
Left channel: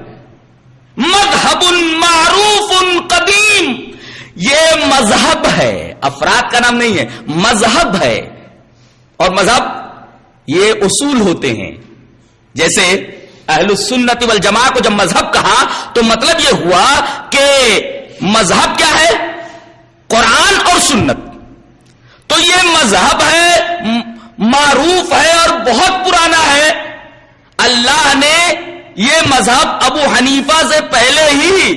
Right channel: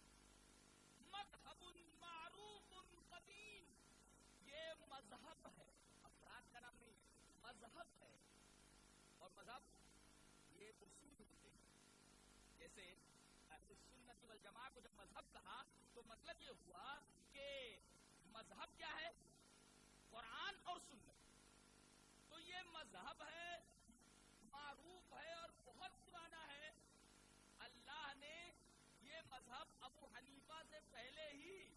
مذہب معروف قدیم، یہ مذہب ہے، افراد کا نام نہیں ہے، مذہب ہے. اور مذہب یہ اصول ہوتے ہیں. جیسے اہل السنت والجماعہ کو جب مذہب کہا تو مطلب یہ ہوا کہ مذہب کیا ہے؟ قرآن اور سنت. تو یہ مذہب ہے، معروف ہے اور بہت پرانا ہے. اللہ نے یہ مذہب ابو حنیفہ سے پہلے ہی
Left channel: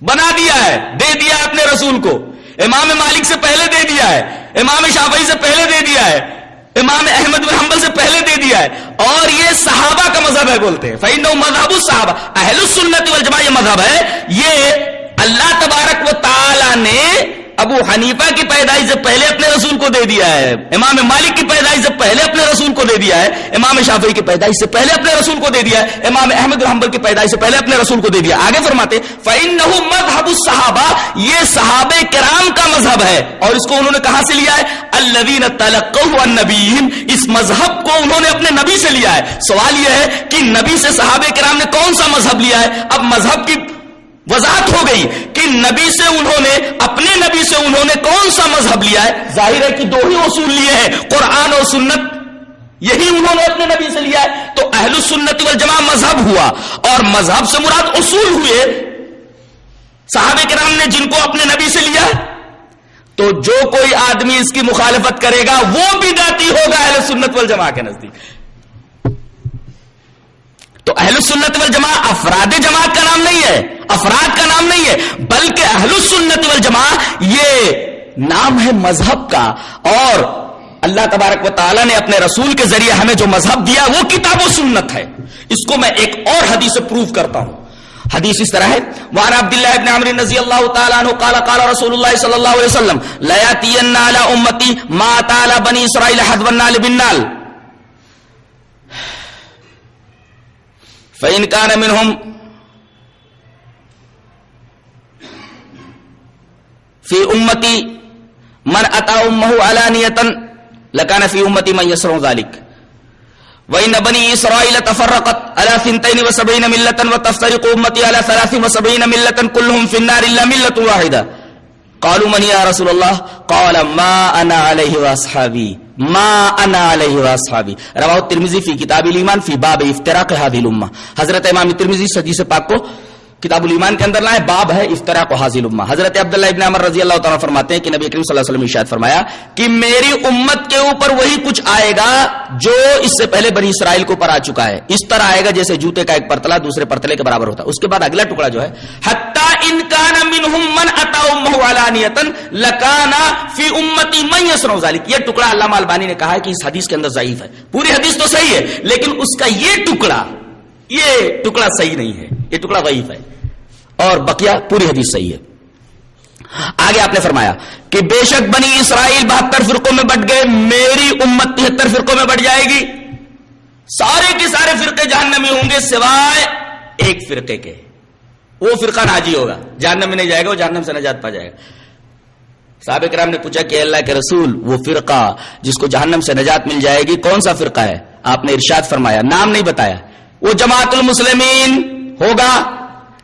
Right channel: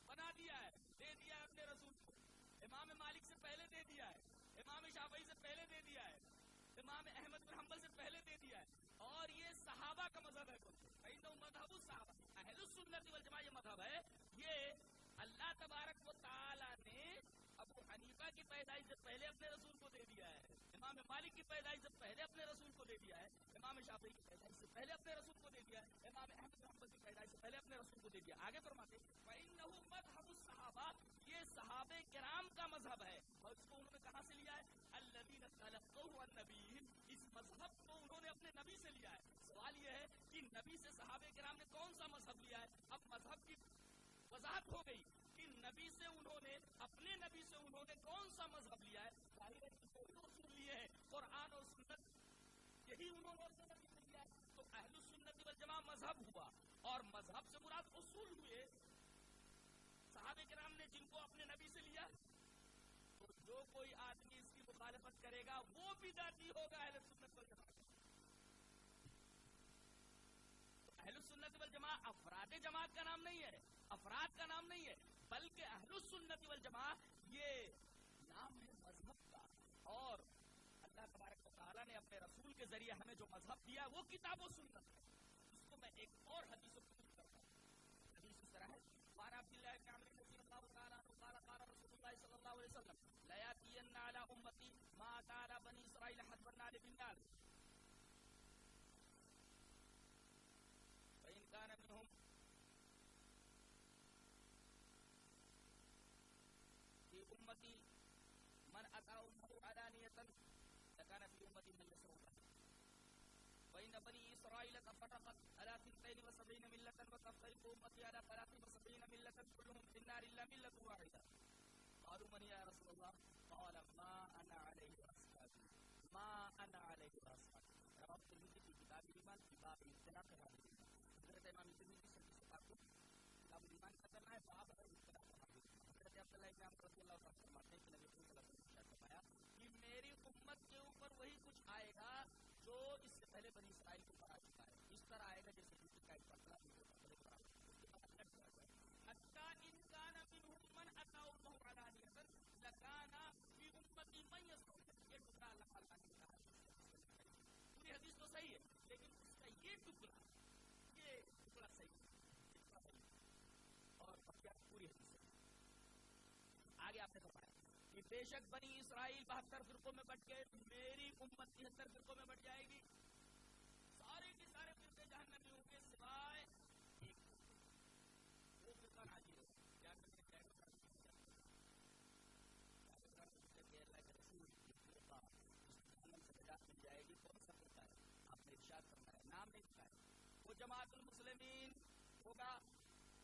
بنا دیا ہے، دے دیا اپنے رسول کو. امام مالک سے پہلے دے دیا ہے، امام شافعی سے پہلے دے دیا ہے، امام احمد بن حنبل سے پہلے دے دیا ہے. اور یہ صحابہ کا مذہب ہے بولتے ہیں. فإنه مذهب الصحابہ، اہل السنت والجماعہ یہ مذہب ہے. یہ اللہ تبارک و تعالی نے ابو حنیفہ کی پیدائش سے پہلے اپنے رسول کو دے دیا ہے، امام مالک کی پیدائش سے پہلے اپنے رسول کو دے دیا ہے، امام شافعی کی پیدائش سے پہلے اپنے رسول کو دے دیا ہے، امام احمد بن حنبل کی پیدائش سے پہلے اپنے رسول کو دے دیا. آگے فرماتے فإنه مذهب الصحابہ، یہ صحابہ کرام کا مذہب ہے. اور اس کو انہوں نے کہاں سے لیا ہے؟ الذین تلقوا عن نبیہم، اس مذہب کو انہوں نے اپنے نبی سے لیا ہے. سوال یہ ہے کہ نبی سے صحابہ کرام نے کون سا مذہب لیا ہے؟ اب مذہب کی وضاحت ہو گئی کہ نبی سے انہوں نے، اپنے نبی سے انہوں نے کون سا مذہب لیا ہے. ظاہر ہے کہ دو ہی اصول لیے ہیں، قرآن اور سنت، یہی انہوں نے اپنے نبی سے لیا ہے. تو اہل السنت والجماعہ مذہب ہوا، اور مذہب سے مراد اصول ہوئے صحابہ کرام نے جن کو اپنے نبی سے لیا. تو جو کوئی آدمی اس کی مخالفت کرے گا وہ بدعتی ہوگا اہل السنت والجماعہ کے نزدیک. تو اہل السنت والجماعہ افراد جماعت کا نام نہیں ہے، افراد کا نام نہیں ہے، بلکہ اہل السنت والجماعہ یہ نام ہے مذہب کا. اور اللہ تبارک و تعالی نے اپنے رسول کے ذریعے ہمیں جو مذہب دیا وہ کتاب و سنت ہے. اس کو میں ایک اور حدیث سے پروف کرتا ہوں. حدیث اس طرح ہے، وعن عبداللہ ابن عمرو رضی اللہ تعالی عنہ قال قال رسول اللہ صلی اللہ علیہ وسلم لا یاتین علی امتی ما تعالی بنی اسرائیل حذو النال بالنال فإن كان منهم في أمتي من أتى أمه علانية لكان في أمتي من يصنع ذلك وإن بني إسرائيل تفرقت على 72 ملة وتفترق أمتي على 73 ملة كلهم في النار إلا ملة واحدة. قالوا من يا رسول الله؟ قال ما أنا عليه وأصحابي ما انا علیہ واصحابی. رواہ الترمذی فی کتاب الایمان فی باب افتراق هذه الامه. حضرت امام ترمذی حدیث پاک کو کتاب الایمان کے اندر لائے، باب ہے افتراق حاضل امہ. حضرت عبداللہ ابن عمر رضی اللہ تعالیٰ فرماتے ہیں کہ نبی کریم صلی اللہ علیہ وسلم نے ارشاد فرمایا کہ میری امت کے اوپر وہی کچھ آئے گا جو اس سے پہلے بنی اسرائیل کے اوپر آ چکا ہے. اس طرح آئے گا جیسے جوتے کا ایک پرتلا دوسرے پرتلے کے برابر ہوتا ہے. اس کے بعد اگلا ٹکڑا جو ہے حتی ان کان منہم من اتی امہ علانیۃ لکان فی امتی من یصنع ذلک. یہ ٹکڑا علامہ البانی نے کہا ہے کہ اس حدیث کے اندر ضعیف ہے. پوری حدیث تو صحیح ہے لیکن اس کا یہ ٹکڑا صحیح نہیں ہے، یہ ٹکڑا ضعیف ہے اور بقیہ پوری حدیث صحیح ہے. آگے آپ نے فرمایا کہ بے شک بنی اسرائیل 72 فرقوں میں بٹ گئے، میری امت 73 فرقوں میں بٹ جائے گی. سارے کے سارے فرقے جہنمی ہوں گے سوائے ایک فرقے کے. وہ فرقہ ناجی ہوگا، جہنم میں نہیں جائے گا، وہ جہنم سے نجات پا جائے گا. صحابہ کرام نے پوچھا کہ اللہ کے رسول وہ فرقہ جس کو جہنم سے نجات مل جائے گی کون سا فرقہ ہے؟ آپ نے ارشاد فرمایا، نام نہیں بتایا، وہ جماعت المسلمین ہوگا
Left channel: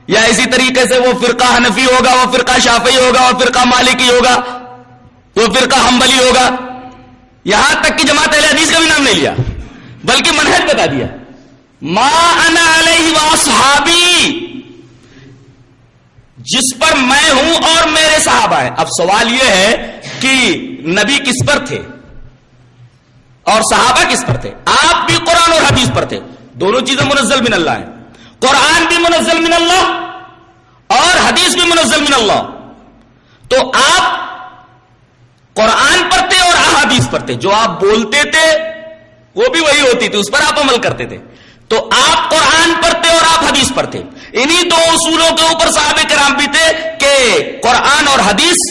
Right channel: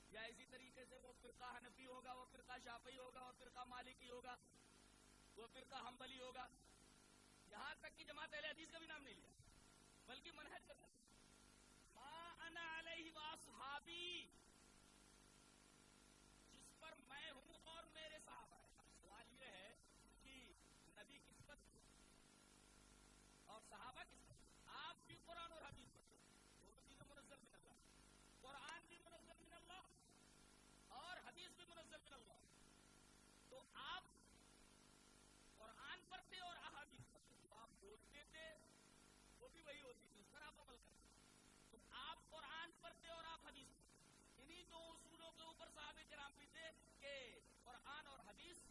یا اسی طریقے سے وہ فرقہ حنفی ہوگا، وہ فرقہ شافعی ہوگا، وہ فرقہ مالکی ہوگا، وہ فرقہ حنبلی ہوگا. یہاں تک کہ جماعت اہل حدیث کا بھی نام نہیں لیا بلکہ منہج بتا دیا، ما انا علیہ واصحابی، جس پر میں ہوں اور میرے صحابہ ہیں. اب سوال یہ ہے کہ نبی کس پر تھے اور صحابہ کس پر تھے؟ آپ بھی قرآن اور حدیث پر تھے. دونوں چیزیں منزل من اللہ ہیں، قرآن بھی منزل من اللہ اور حدیث بھی منزل من اللہ. تو آپ قرآن پر تھے اور احادیث پر تھے، جو آپ بولتے تھے وہ بھی وہی ہوتی تھی، اس پر آپ عمل کرتے تھے. تو آپ قرآن پر تھے اور آپ حدیث پر تھے. انہی دو اصولوں کے اوپر صحابہ کرام بھی تھے کہ قرآن اور حدیث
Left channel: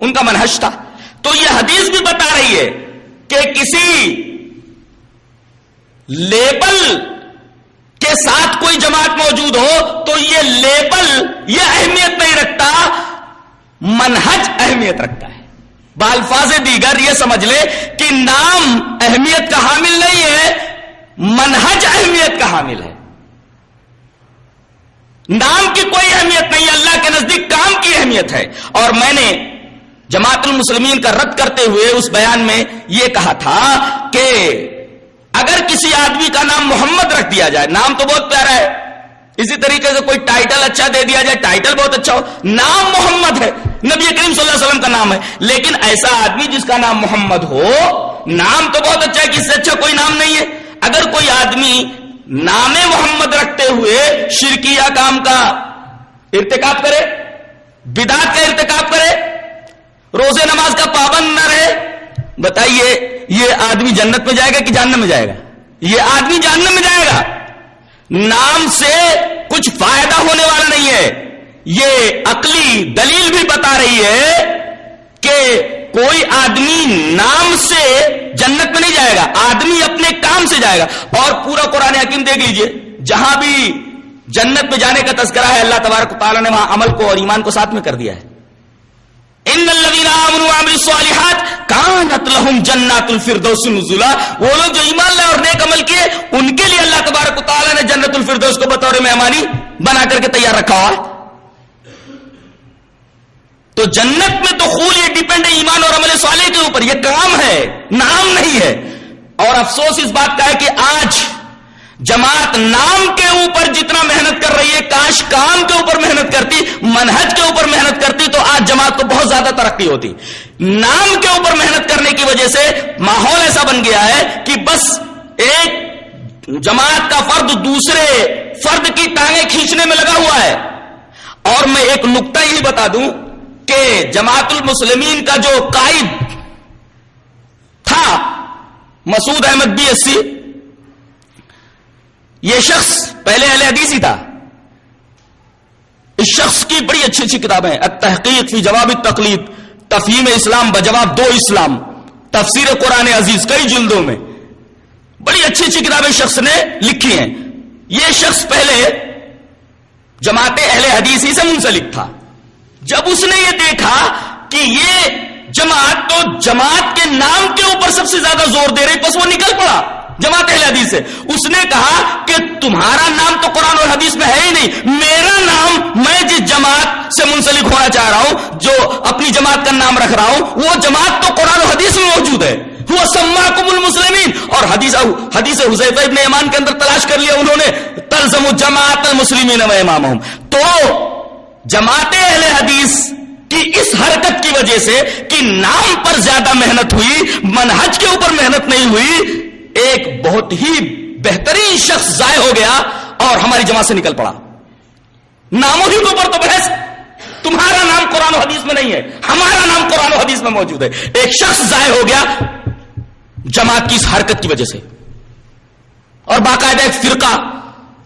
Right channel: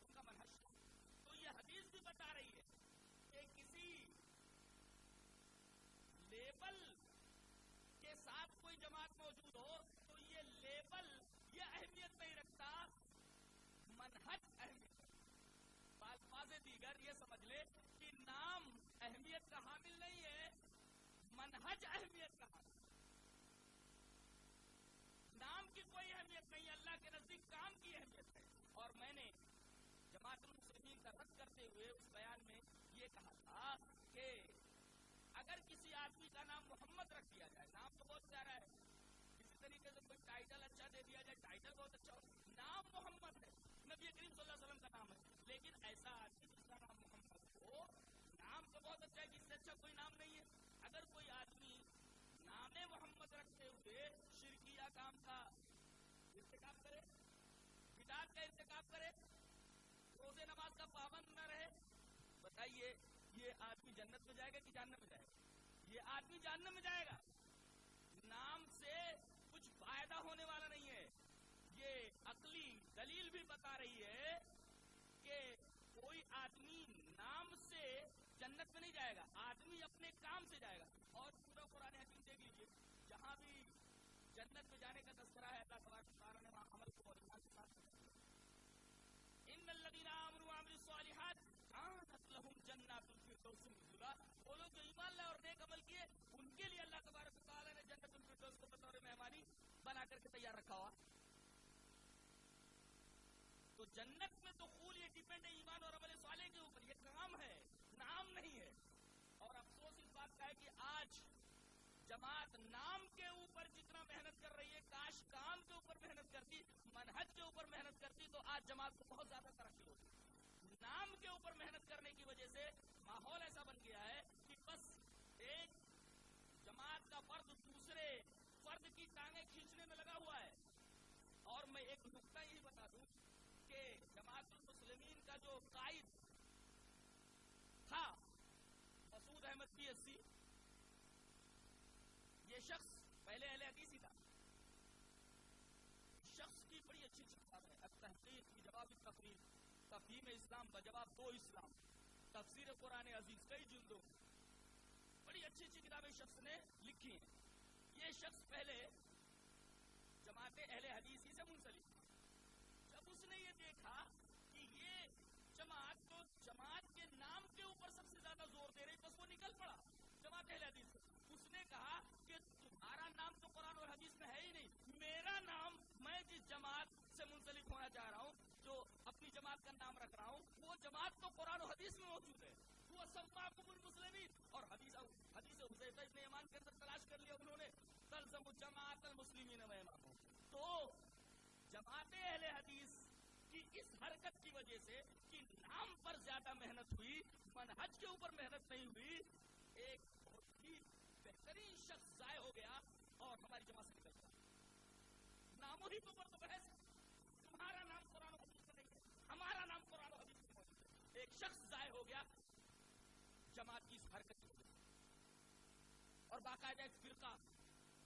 ان کا منہج تھا. تو یہ حدیث بھی بتا رہی ہے کہ کسی لیبل کے ساتھ کوئی جماعت موجود ہو تو یہ لیبل یہ اہمیت نہیں رکھتا، منہج اہمیت رکھتا ہے. بالفاظ دیگر یہ سمجھ لے کہ نام اہمیت کا حامل نہیں ہے، منہج اہمیت کا حامل ہے. نام کی کوئی اہمیت نہیں، اللہ کے نزدیک کام کی اہمیت ہے. اور میں نے جماعت المسلمین کا رد کرتے ہوئے اس بیان میں یہ کہا تھا کہ اگر کسی آدمی کا نام محمد رکھ دیا جائے، نام تو بہت پیارا ہے، اسی طریقے سے کوئی ٹائٹل اچھا دے دیا جائے، ٹائٹل بہت اچھا ہو، نام محمد ہے، نبی کریم صلی اللہ علیہ وسلم کا نام ہے، لیکن ایسا آدمی جس کا نام محمد ہو، نام تو بہت اچھا ہے کہ اس سے اچھا کوئی نام نہیں ہے. اگر کوئی آدمی نام محمد رکھتے ہوئے شرکیہ کام کا ارتکاب کرے، بدعت کا ارتکاب کرے، روزے نماز کا پابند نہ رہے، بتائیے یہ آدمی جنت میں جائے گا کہ جہنم میں جائے گا؟ یہ آدمی جہنم میں جائے گا. نام سے کچھ فائدہ ہونے والا نہیں ہے. یہ عقلی دلیل بھی بتا رہی ہے کہ کوئی آدمی نام سے جنت میں نہیں جائے گا، آدمی اپنے کام سے جائے گا. اور پورا قرآن حکیم دیکھ لیجئے، جہاں بھی جنت میں جانے کا تذکرہ ہے اللہ تبارک و تعالیٰ نے وہاں عمل کو اور ایمان کو ساتھ میں کر دیا ہے. ان الذین آمنوا وعملوا الصالحات کانت لہم جنات الفردوس نزلا. وہ لوگ جو ایمان لائے اور نیک عمل کیے ان کے لیے اللہ تبارک و تعالیٰ نے جنت الفردوس کو بطور مہمانی بنا کر کے تیار رکھا ہوا. تو جنت میں تو خول یہ ڈیپینڈ ہے ایمان اور عمل صالح کے اوپر، یہ کام ہے، نام نہیں ہے. اور افسوس اس بات کا ہے کہ آج جماعت نام کے اوپر جتنا محنت کر رہی ہے، کاش کام کے اوپر محنت کرتی، منہج کے اوپر محنت کرتی تو آج جماعت کو بہت زیادہ ترقی ہوتی. نام کے اوپر محنت کرنے کی وجہ سے ماحول ایسا بن گیا ہے کہ بس ایک جماعت کا فرد دوسرے فرد کی ٹانگیں کھینچنے میں لگا ہوا ہے. اور میں ایک نقطہ یہ بتا دوں کہ جماعت المسلمین کا جو قائد تھا مسعود احمد BSc، یہ شخص پہلے اہل حدیث ہی تھا. اس شخص کی بڑی اچھی اچھی کتابیں ہیں، التحقیق فی جواب التقلید، تفہیم اسلام بجواب دو اسلام، تفسیر قرآن عزیز، کئی جلدوں میں بڑی اچھی اچھی کتابیں شخص نے لکھی ہیں. یہ شخص پہلے جماعت اہل حدیث ہی سے منسلک تھا. جب اس نے یہ دیکھا کہ یہ جماعت تو جماعت کے نام کے اوپر سب سے زیادہ زور دے رہی، بس وہ نکل پڑا جماعت اہل حدیث سے. اس نے کہا کہ تمہارا نام تو قرآن اور حدیث میں ہے ہی نہیں، میرا نام، میں جس جماعت سے منسلک ہونا چاہ رہا ہوں، جو اپنی جماعت کا نام رکھ رہا ہوں، وہ جماعت تو قرآن اور حدیث میں موجود ہے. هو سماکم المسلمین. اور حدیث حذیفہ ابن یمان کے اندر تلاش کر لیا انہوں نے, تلزم جماعت المسلمین و امامہم. تو جماعت اہل حدیث کی اس حرکت کی وجہ سے کہ نام پر زیادہ محنت ہوئی, منہج کے اوپر محنت نہیں ہوئی, ایک بہت ہی بہترین شخص ضائع ہو گیا اور ہماری جماعت سے نکل پڑا. ناموں ہی کے اوپر تو بحث, تمہارا نام قرآن و حدیث میں نہیں ہے, ہمارا نام قرآن و حدیث میں موجود ہے. ایک شخص ضائع ہو گیا جماعت کی اس حرکت کی وجہ سے, اور باقاعدہ ایک فرقہ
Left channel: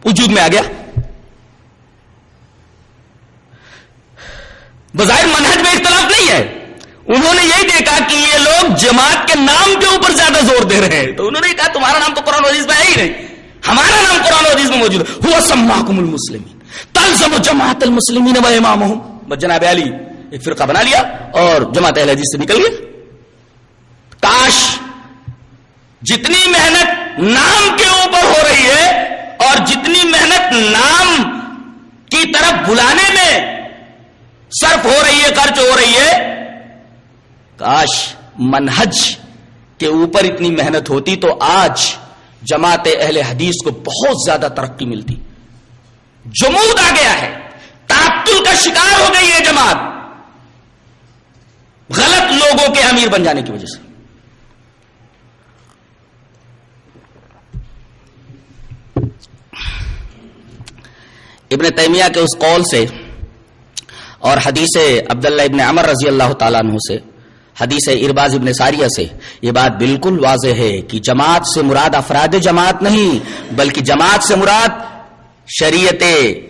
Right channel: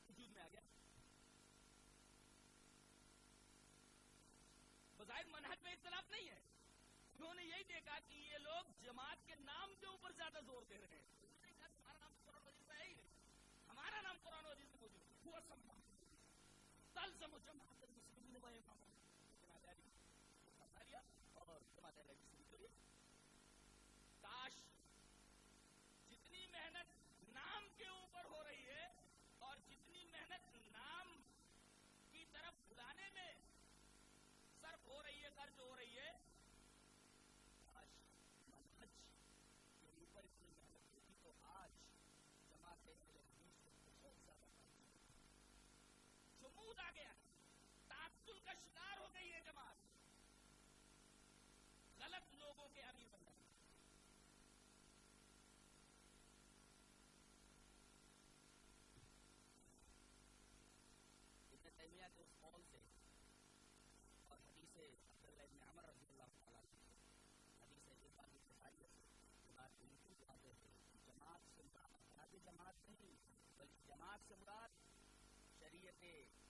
وجود میں آ گیا. بظاہر منہج میں اختلاف نہیں ہے, انہوں نے یہی دیکھا کہ یہ لوگ جماعت کے نام کے اوپر زیادہ زور دے رہے ہیں, تو انہوں نے کہا تمہارا نام تو قرآن و حدیث میں ہے ہی نہیں, ہمارا نام قرآن و حدیث میں موجود ہے. هو سماکم المسلمین تلزم جماعت المسلمین و امامہم. بس جناب علی ایک فرقہ بنا لیا اور جماعت اہل حدیث سے نکل گیا. کاش جتنی محنت نام کے اوپر ہو رہی ہے اور جتنی محنت نام کی طرف بلانے میں صرف ہو رہی ہے, خرچ ہو رہی ہے, کاش منہج کے اوپر اتنی محنت ہوتی تو آج جماعت اہل حدیث کو بہت زیادہ ترقی ملتی. جمود آ گیا ہے, تعطل کا شکار ہو گئی ہے جماعت, غلط لوگوں کے امیر بن جانے کی وجہ سے. ابن تیمیہ کے اس قول سے اور حدیث عبداللہ ابن عمر رضی اللہ تعالیٰ عنہ سے, حدیث ارباز ابن ساریہ سے یہ بات بالکل واضح ہے کہ جماعت سے مراد افراد جماعت نہیں, بلکہ جماعت سے مراد شریعت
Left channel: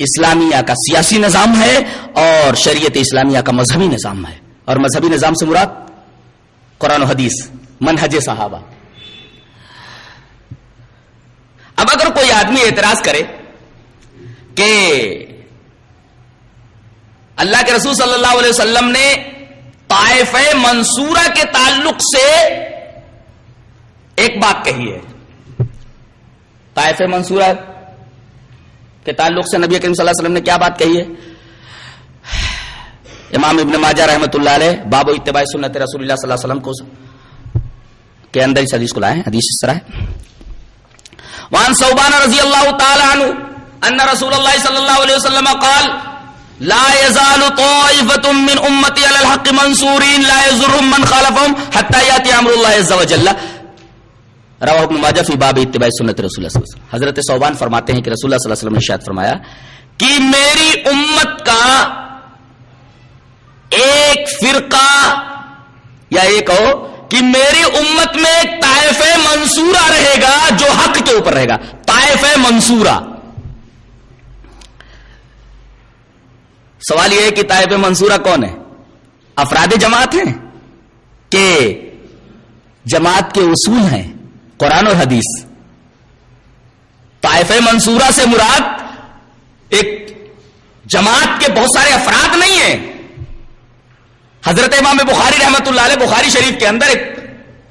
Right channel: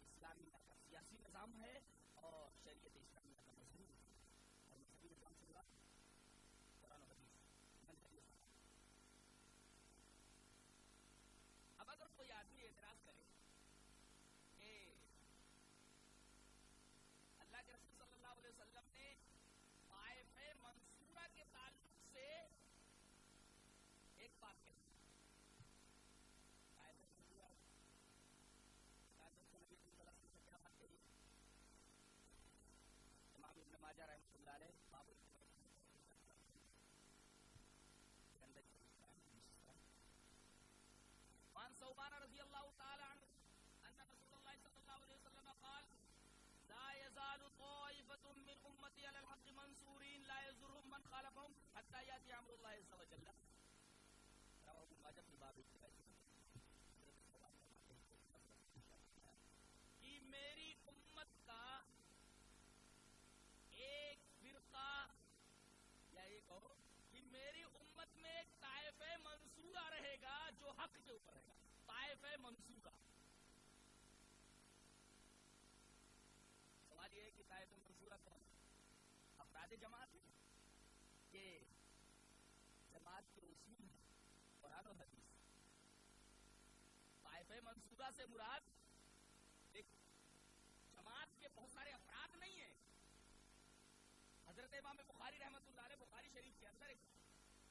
اسلامیہ کا سیاسی نظام ہے اور شریعت اسلامیہ کا مذہبی نظام ہے. اور مذہبی نظام سے مراد قرآن و حدیث, منہج صحابہ. اب اگر کوئی آدمی اعتراض کرے کہ اللہ کے رسول صلی اللہ علیہ وسلم نے طائفہ منصورہ کے تعلق سے ایک بات کہی ہے, طائفہ منصورہ کے تعلق سے نبی کریم صلی اللہ علیہ وسلم نے کیا بات کہی ہے؟ امام ابن ماجہ رحمۃ اللہ علیہ باب اتباع سنت رسول اللہ صلی اللہ علیہ وسلم کو کے اندر اس حدیث کو لائے ہیں. حدیث اس طرح ہے, وعن ثوبان رضی اللہ تعالی عنہ ان رسول اللہ صلی اللہ علیہ وسلم قال لا يزال طائفة من امتی علی الحق منصورین لا يضرهم من خالفهم حتى یاتی امر اللہ عز وجل. رواہ ابن ماجہ فی باب اتباع سنت رسول اللہ صلی اللہ علیہ وسلم. حضرت ثوبان فرماتے ہیں کہ رسول اللہ صلی اللہ علیہ وسلم نے ارشاد فرمایا کہ میری امت کا ایک فرقہ, یا یہ کہو کہ میری امت میں ایک طائفہ منصورہ رہے گا جو حق کے اوپر رہے گا. طائفہ منصورہ, سوال یہ ہے کہ طائفہ منصورہ کون ہے؟ افراد جماعت ہیں کہ جماعت کے اصول ہیں قرآن اور حدیث؟ طائفہ منصورہ سے مراد ایک جماعت کے بہت سارے افراد نہیں ہیں. حضرت امام بخاری رحمۃ اللہ علیہ بخاری شریف کے اندر ایک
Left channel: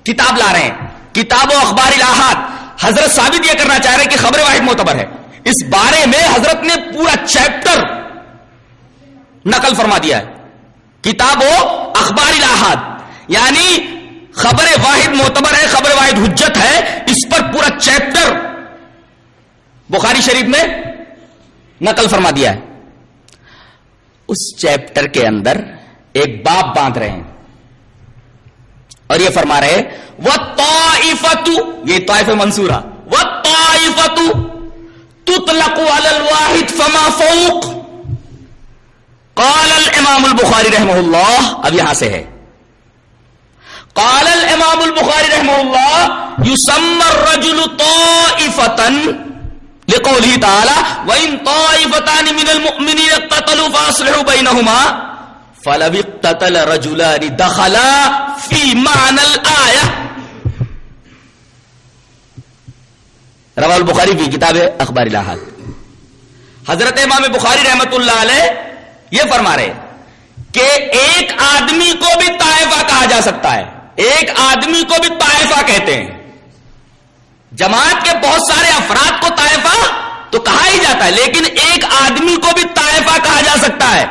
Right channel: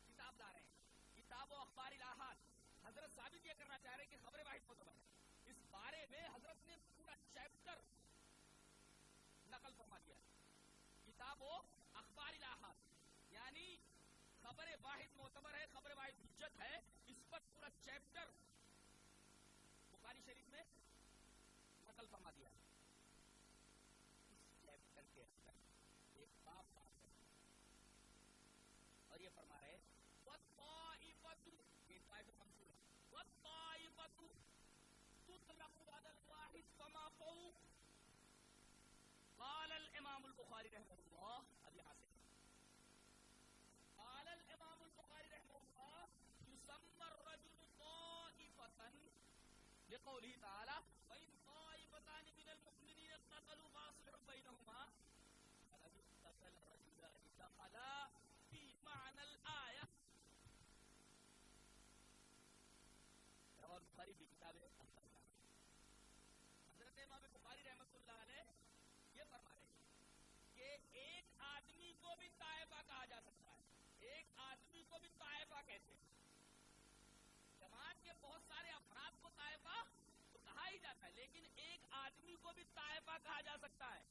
کتاب لا رہے ہیں, کتاب و اخبار الاحاد. حضرت ثابت یہ کرنا چاہ رہے ہیں کہ خبر واحد معتبر ہے. اس بارے میں حضرت نے پورا چیپٹر نقل فرما دیا ہے, کتاب و اخبار الاحاد, یعنی خبر واحد معتبر ہے, خبر واحد حجت ہے, اس پر پورا چیپٹر بخاری شریف میں نقل فرما دیا ہے. اس چیپٹر کے اندر ایک باب باندھ رہے ہیں اور یہ فرما رہے وَالطَّائِفَةُ, یہ طائفہ منصورہ, وَالطَّائِفَةُ تُطْلَقُ عَلَى الْوَاحِدِ فَمَا فَوْقَ. قال الامام البخاری رحمہ اللہ, اب یہاں سے ہے, قال الامام البخاری رحمہ اللہ يسمى الرجل طائفة لقوله تعالى وإن طائفتان من المؤمنين اقتتلوا فأصلحوا بينهما فلو اقتتل رجلان دخلا في معنى الآية. رواہ البخاری کی کتاب اخبار الاحاد. حضرت امام بخاری رحمۃ اللہ علیہ یہ فرما رہے کہ ایک آدمی کو بھی طائفہ کہا جا سکتا ہے, ایک آدمی کو بھی طائفہ کہتے ہیں. جماعت کے بہت سارے افراد کو طائفہ تو کہا ہی جاتا ہے, لیکن ایک آدمی کو بھی طائفہ کہا جا سکتا ہے.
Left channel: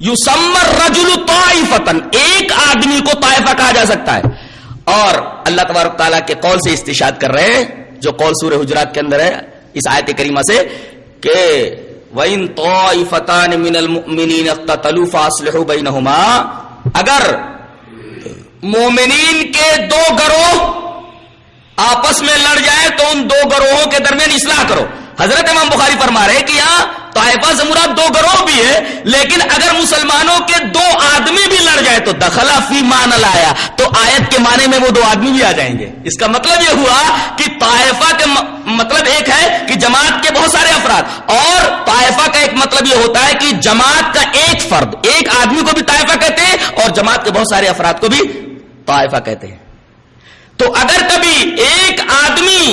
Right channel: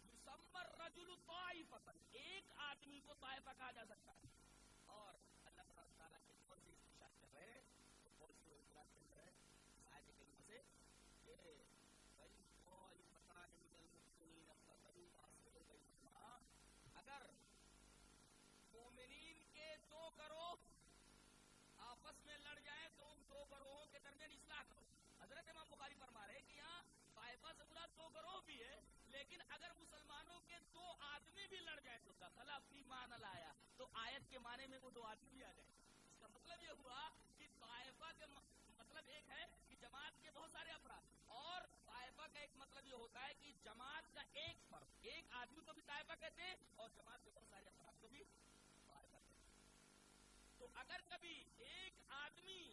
یسمى الرجل طائفة, ایک آدمی کو طائفہ کہا جا سکتا ہے. اور اللہ تبارک تعالیٰ کے قول سے استشہاد کر رہے ہیں جو قول سورہ حجرات کے اندر ہے اس آیت کریمہ سے کہ وَإِن طَائِفَتَانِ مِنَ الْمُؤْمِنِينَ اقْتَتَلُوا فَأَصْلِحُوا بَيْنَهُمَا، اگر مومنین کے دو گروہ آپس میں لڑ جائیں تو ان دو گروہوں کے درمیان اصلاح کرو. حضرت امام بخاری فرما رہے کہ یہاں طائفہ سے مراد دو گروہ بھی ہے، لیکن اگر مسلمانوں کے دو آدمی بھی لڑ جائے تو دخل فی معنی لایا، تو آیت کے معنی میں وہ دو آدمی بھی آ جائیں گے. اس کا مطلب یہ ہوا کہ طائفہ کے مطلب ایک ہے کہ جماعت کے بہت سارے افراد، اور طائفہ کا ایک مطلب یہ ہوتا ہے کہ جماعت کا ایک فرد، ایک آدمی کو بھی طائفہ کہتے ہیں اور جماعت کے بہت سارے افراد کو بھی طائفہ کہتے ہیں. تو اگر کبھی ایک آدمی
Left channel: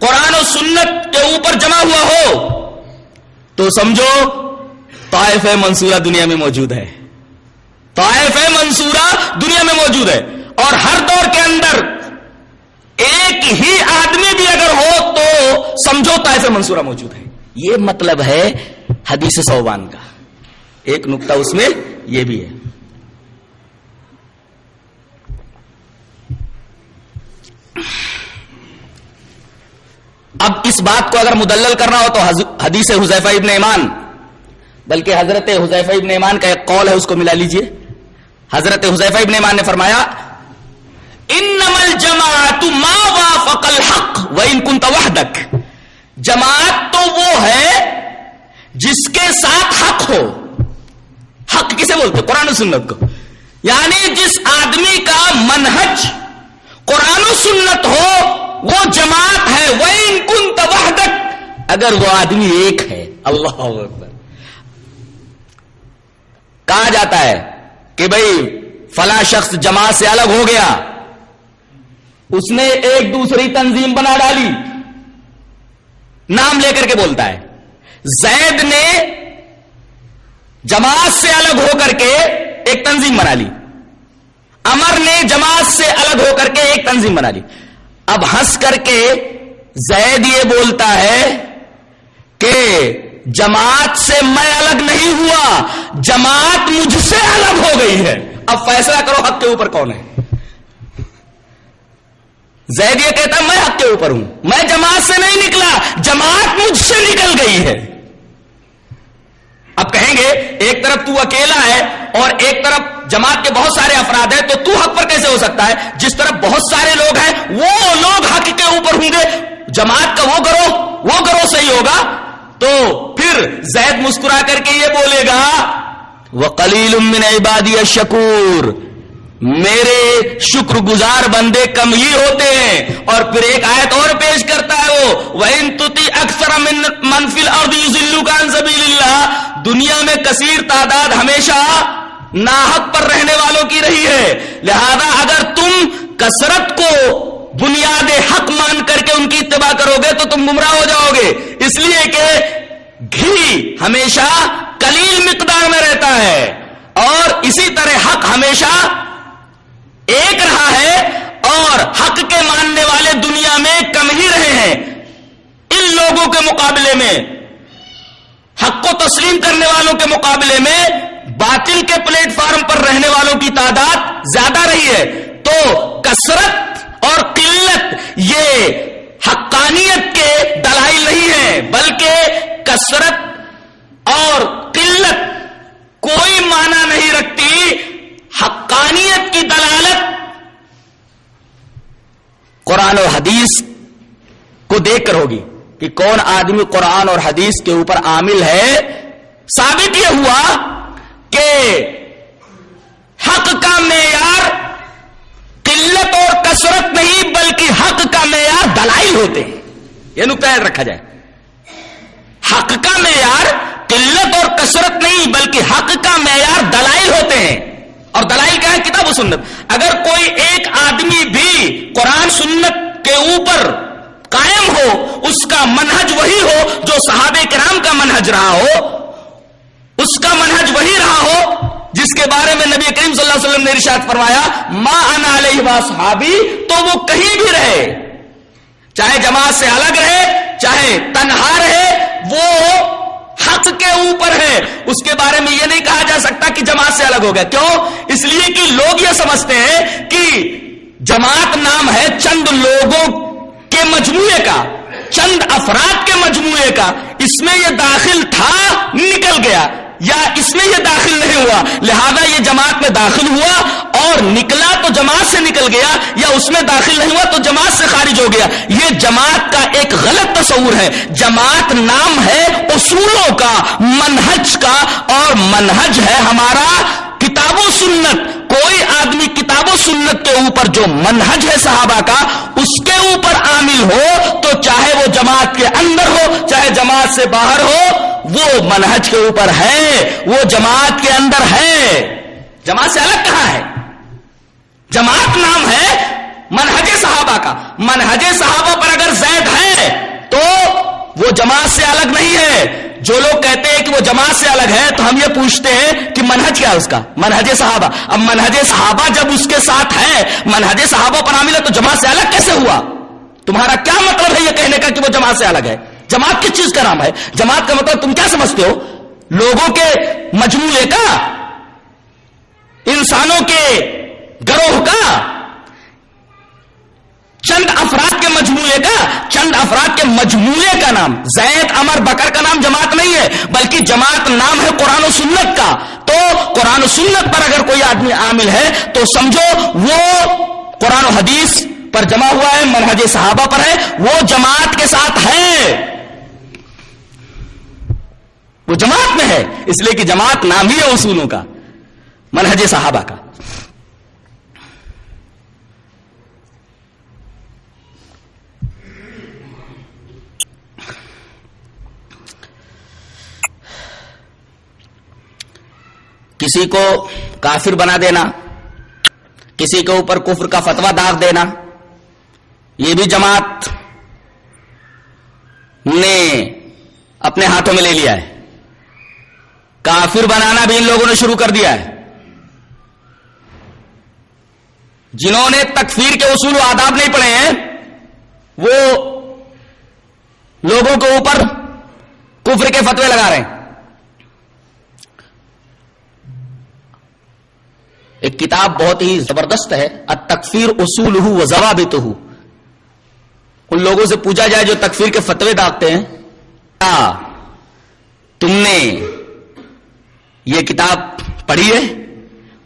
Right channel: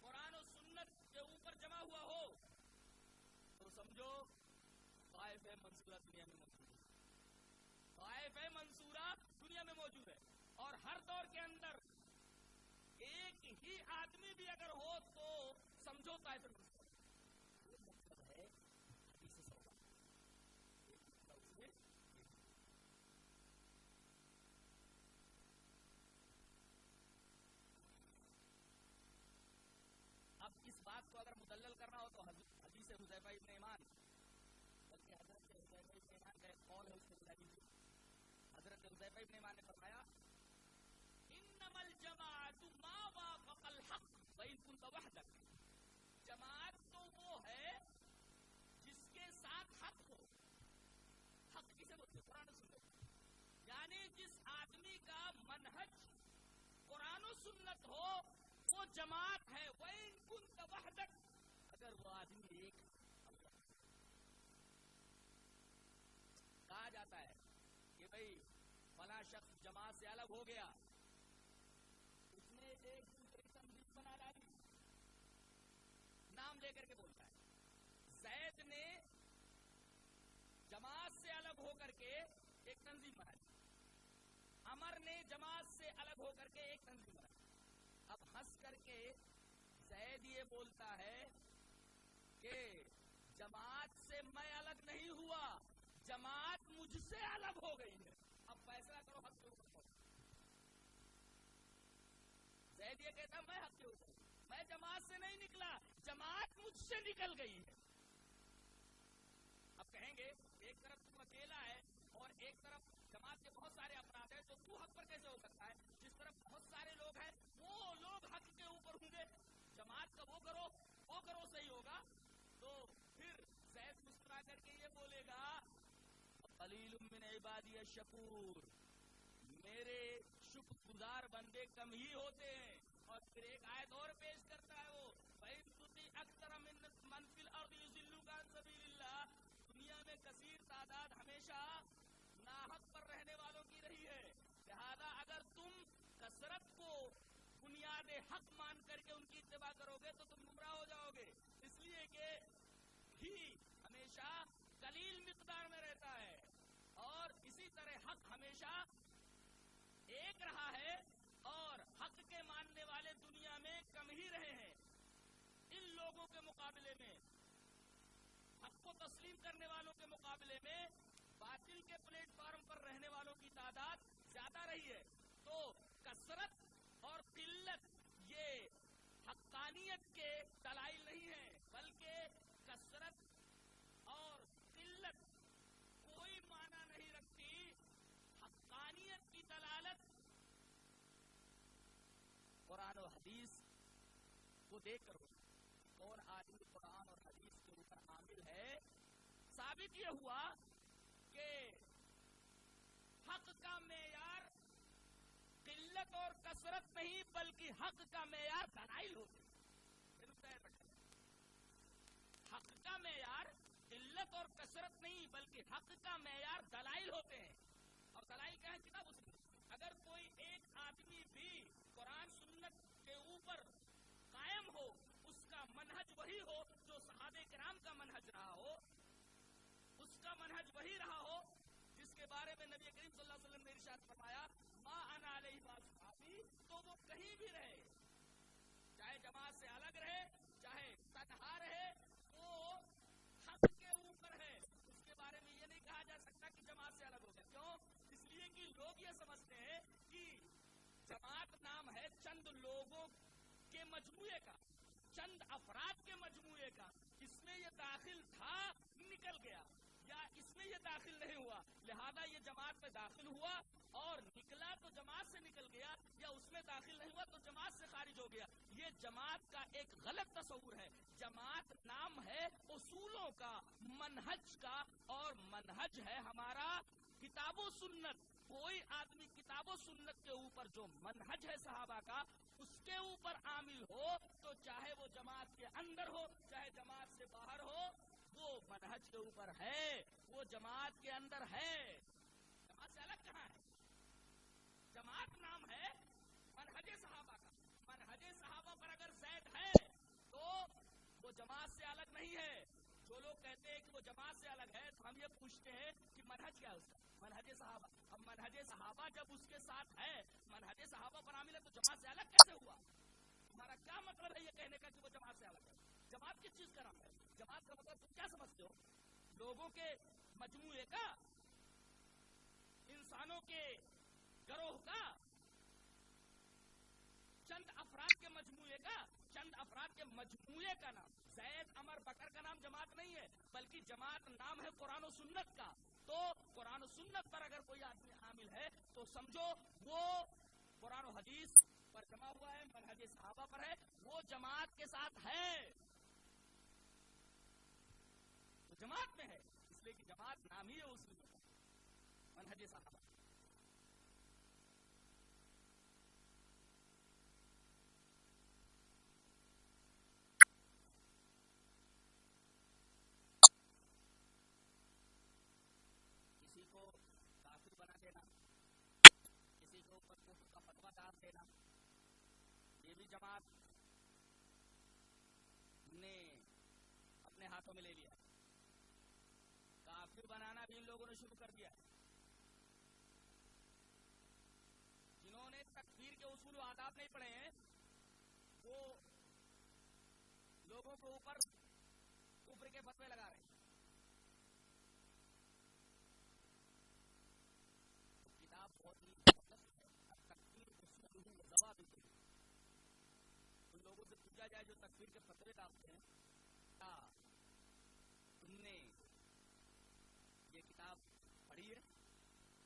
قرآن و سنت کے اوپر جمع ہوا ہو تو سمجھو طائفہ منصورہ دنیا میں موجود ہے، طائفہ منصورہ دنیا میں موجود ہے. اور ہر دور کے اندر ایک ہی آدمی بھی اگر ہو تو سمجھو طائفہ منصورہ موجود ہے. یہ مطلب ہے حدیث ثوبان کا. ایک نقطہ اس میں یہ بھی ہے. اب اس بات کو اگر مدلل کرنا ہو تو حدیث حذیفہ ابن یمان، بلکہ حضرت حذیفہ ابن یمان کا ایک قول ہے اس کو ملا لیجئے. حضرت حذیفہ ابن یمان نے فرمایا انما الجماعت ما وافق الحق وان كنت وحدك، جماعت تو وہ ہے جس کے ساتھ حق ہو. حق کسے بولتے؟ قرآن و سنت کو. یعنی جس آدمی کا منہج قرآن و سنت ہو وہ جماعت ہے. وَإِن كُنْتَ وَحْدَكَ، اگر وہ آدمی ایک ہے. اللہ اکبر. کہا جاتا ہے کہ بھئی فلاں شخص جماعت سے الگ ہو گیا، اس نے ایک دوسری تنظیم بنا ڈالی، نام لے کر کے بولتا ہے. زید نے جماعت سے الگ ہو کر کے ایک تنظیم بنا لی، عمر نے جماعت سے الگ ہو کر کے ایک تنظیم بنا لی. اب ہنس کر کے زید یہ بولتا ہے کہ جماعت سے میں الگ نہیں ہوا، جماعت مجھ سے الگ ہو گئی ہے. اب فیصلہ کرو حق کے اوپر کون ہے. زید یہ کہتا ہے میں حق کے اوپر ہوں، میں جماعت سے نہیں نکلا، جماعت مجھ سے نکل گئی ہے. اب کہیں گے ایک طرف تو اکیلا ہے اور ایک طرف جماعت کے بہت سارے افراد ہیں، تو حق پر کیسے ہو سکتا ہے؟ جس طرف بہت سارے لوگ ہیں وہ لوگ حق کے اوپر ہوں گے، جماعت کا وہ گروہ صحیح ہوگا. تو پھر زید مسکرا کر کے یہ بولے گا وَقَلِيلٌ مِّنْ عِبَادِيَ الشَّكُورُ، میرے شکر گزار بندے کم ہی ہوتے ہیں. اور پھر ایک آیت اور پیش کرتا ہے وہ وَإِن تُطِعْ أَكْثَرَ مَنْ فِي الْأَرْضِ يُضِلُّوكَ عَنْ سَبِيلِ اللَّهِ، دنیا میں کثیر تعداد ہمیشہ ناحق پر رہنے والوں کی رہی ہے. لہذا اگر تم کثرت کو بنیاد حق مان کر کے ان کی اتباع کرو گے تو تم گمراہ ہو جاؤ گے. اس لیے کہ گھی ہمیشہ قلیل مقدار میں رہتا ہے اور اسی طرح حق ہمیشہ ایک رہا ہے اور حق کے ماننے والے دنیا میں کم ہی رہے ہیں. ان لوگوں کے مقابلے میں، حق کو تسلیم کرنے والوں کے مقابلے میں باطل کے پلیٹ فارم پر رہنے والوں کی تعداد زیادہ رہی ہے. تو کثرت اور قلت یہ حقانیت کے دلائل نہیں ہیں، بلکہ کثرت اور قلت کوئی معنی نہیں رکھتی. حقانیت کی دلالت قرآن اور حدیث کو دیکھ کر ہوگی کہ کون آدمی قرآن اور حدیث کے اوپر عامل ہے. ثابت یہ ہوا کہ حق کا معیار قلت اور کثرت نہیں بلکہ حق کا معیار دلائل ہوتے ہیں. یہ نقطہ یاد رکھا جائے. حق کا معیار قلت اور کثرت نہیں بلکہ حق کا معیار دلائل ہوتے ہیں. اور دلائل کیا ہے؟ کتاب و سنت. اگر کوئی ایک آدمی بھی قرآن سنت کے اوپر قائم ہو، اس کا منہج وہی ہو جو صحابہ کرام کا منہج رہا ہو، اس کا منہج وہی رہا ہو جس کے بارے میں نبی کریم صلی اللہ علیہ وسلم نے ارشاد فرمایا ما انا علیہ واصحابی، تو وہ کہیں بھی رہے، چاہے جماعت سے الگ رہے چاہے تنہا رہے، وہ حق کے اوپر ہے. اس کے بارے میں یہ نہیں کہا جا سکتا کہ جماعت سے الگ ہو گیا. کیوں؟ اس لیے کہ لوگ یہ سمجھتے ہیں کہ جماعت نام ہے چند لوگوں کے مجموعے کا، چند افراد کے مجموعے کا. اس میں یہ داخل تھا نکل گیا، یا اس میں یہ داخل نہیں ہوا لہذا یہ جماعت میں داخل ہوا اور نکلا تو جماعت سے نکل گیا، یا اس میں داخل نہیں ہوا تو جماعت سے خارج ہو گیا. یہ جماعت کا ایک غلط تصور ہے. جماعت نام ہے اصولوں کا، منہج کا، اور منہج ہے ہمارا کتاب و سنت. کوئی آدمی کتاب و سنت کے اوپر جو منہج ہے صحابہ کا اس کے اوپر عامل ہو تو چاہے وہ جماعت کے اندر ہو چاہے جماعت سے باہر ہو، وہ منہج کے اوپر ہے، وہ جماعت کے اندر ہے. جماعت سے الگ کہاں ہے؟ جماعت نام ہے منہج صحابہ کا. منہج صحابہ پر اگر زید ہے تو وہ جماعت سے الگ نہیں ہے. جو لوگ کہتے ہیں کہ وہ جماعت سے الگ ہے تو ہم یہ پوچھتے ہیں کہ منہج کیا ہے اس کا؟ منہج صحابہ. اب منہج صحابہ جب اس کے ساتھ ہے، منہج صحابہ پر عامل ہے، تو جماعت سے الگ کیسے ہوا؟ تمہارا کیا مطلب ہے یہ کہنے کا کہ وہ جماعت سے الگ ہے؟ جماعت کس چیز کا نام ہے؟ جماعت کا مطلب تم کیا سمجھتے ہو؟ لوگوں کے مجموعے کا، انسانوں کے گروہ کا، چند افراد کے مجموعے کا، چند افراد کے مجموعے کا نام. زید، عمر، بکر کا نام جماعت نہیں ہے، بلکہ جماعت نام ہے قرآن و سنت کا. تو قرآن و سنت پر اگر کوئی آدمی عامل ہے تو سمجھو وہ قرآن و حدیث پر جمع ہوا ہے، منہج صحابہ پر ہے، وہ جماعت کے ساتھ ہے، وہ جماعت میں ہے. اس لیے کہ جماعت نام ہی ہے اصولوں کا، منہج صحابہ کا. کسی کو کافر بنا دینا، کسی کے اوپر کفر کا فتویٰ داغ دینا، یہ بھی جماعت نے اپنے ہاتھوں میں لے لیا ہے. کافر بنانا بھی ان لوگوں نے شروع کر دیا ہے. جنہوں نے تکفیر کے اصول و آداب نہیں پڑھے ہیں وہ لوگوں کے اوپر کفر کے فتوے لگا رہے ہیں. ایک کتاب بہت ہی زبردست ہے، التکفیر اصولہ و ضوابطہ. ان لوگوں سے پوچھا جائے جو تکفیر کے فتوے داغتے ہیں، کیا تم نے یہ کتاب پڑھی ہے؟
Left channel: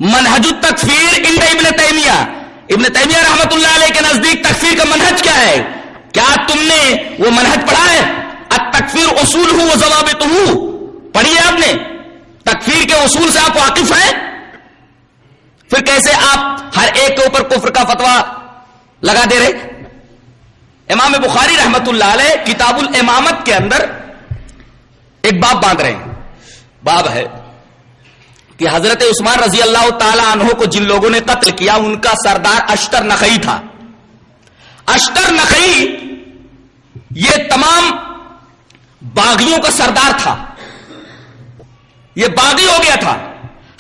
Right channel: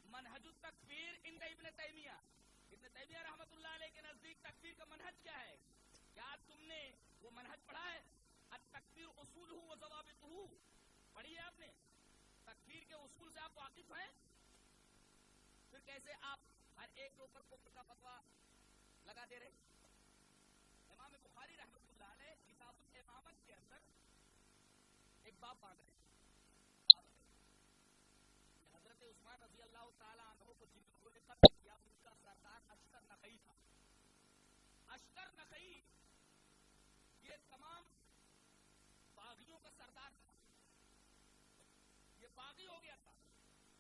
منہج التکفیر عند ابن تیمیہ. ابن تیمیہ رحمت اللہ علیہ کے نزدیک تکفیر کا منہج کیا ہے؟ کیا تم نے وہ منہج پڑھا ہے؟ التکفیر اصولہ و ضوابطہ پڑھی ہے آپ نے؟ تکفیر کے اصول سے آپ واقف ہیں؟ پھر کیسے آپ ہر ایک کے اوپر کفر کا فتویٰ لگا دے رہے؟ امام بخاری رحمت اللہ علیہ کتاب الامامت کے اندر ایک باب باندھ رہے ہیں. باب ہے کہ حضرت عثمان رضی اللہ تعالی عنہ کو جن لوگوں نے قتل کیا ان کا سردار اشتر نخعی تھا. اشتر نخعی یہ تمام باغیوں کا سردار تھا، یہ باغی ہو گیا تھا.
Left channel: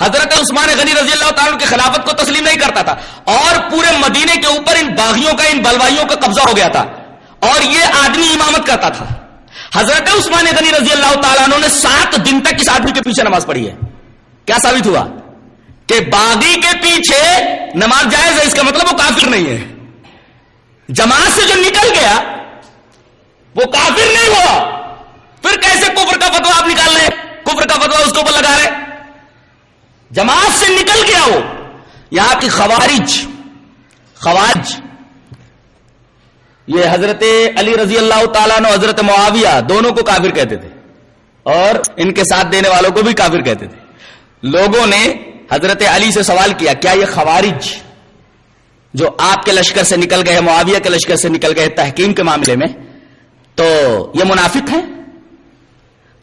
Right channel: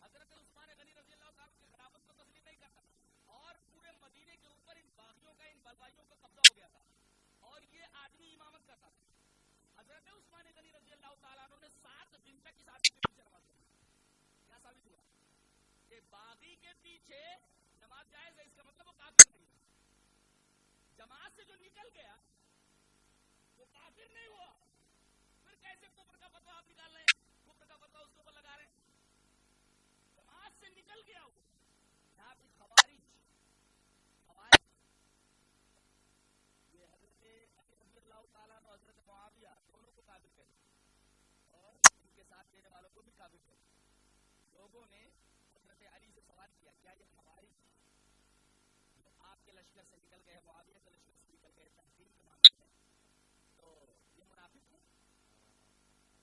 حضرت عثمان غنی رضی اللہ تعالیٰ کی خلافت کو تسلیم نہیں کرتا تھا اور پورے مدینے کے اوپر ان باغیوں کا، ان بلوائیوں کا قبضہ ہو گیا تھا اور یہ آدمی امامت کرتا تھا. حضرت عثمان غنی رضی اللہ تعالیٰ عنہ نے 7 دن تک اس آدمی کے پیچھے نماز پڑھی ہے. کیا ثابت ہوا؟ کہ باغی کے پیچھے نماز جائز ہے، اس کا مطلب وہ کافر نہیں ہے. جماعت سے جو نکل گیا وہ کافر نہیں ہوا. پھر کیسے کفر کا فتویٰ آپ نکال رہے؟ کفر کا فتویٰ اس کے اوپر لگا رہے؟ جماعت سے نکل گیا وہ. یہاں کی خوارج یہ حضرت علی رضی اللہ تعالیٰ عنہ، حضرت معاویہ دونوں کو کافر کہتے تھے اور ان کے ساتھ دینے والوں کو بھی کافر کہتے تھے. لوگوں نے حضرت علی سے سوال کیا کیا یہ خوارج جو آپ کے لشکر سے نکل گئے، معاویہ کے لشکر سے نکل گئے تحکیم کے معاملے میں، تو یہ منافق ہیں؟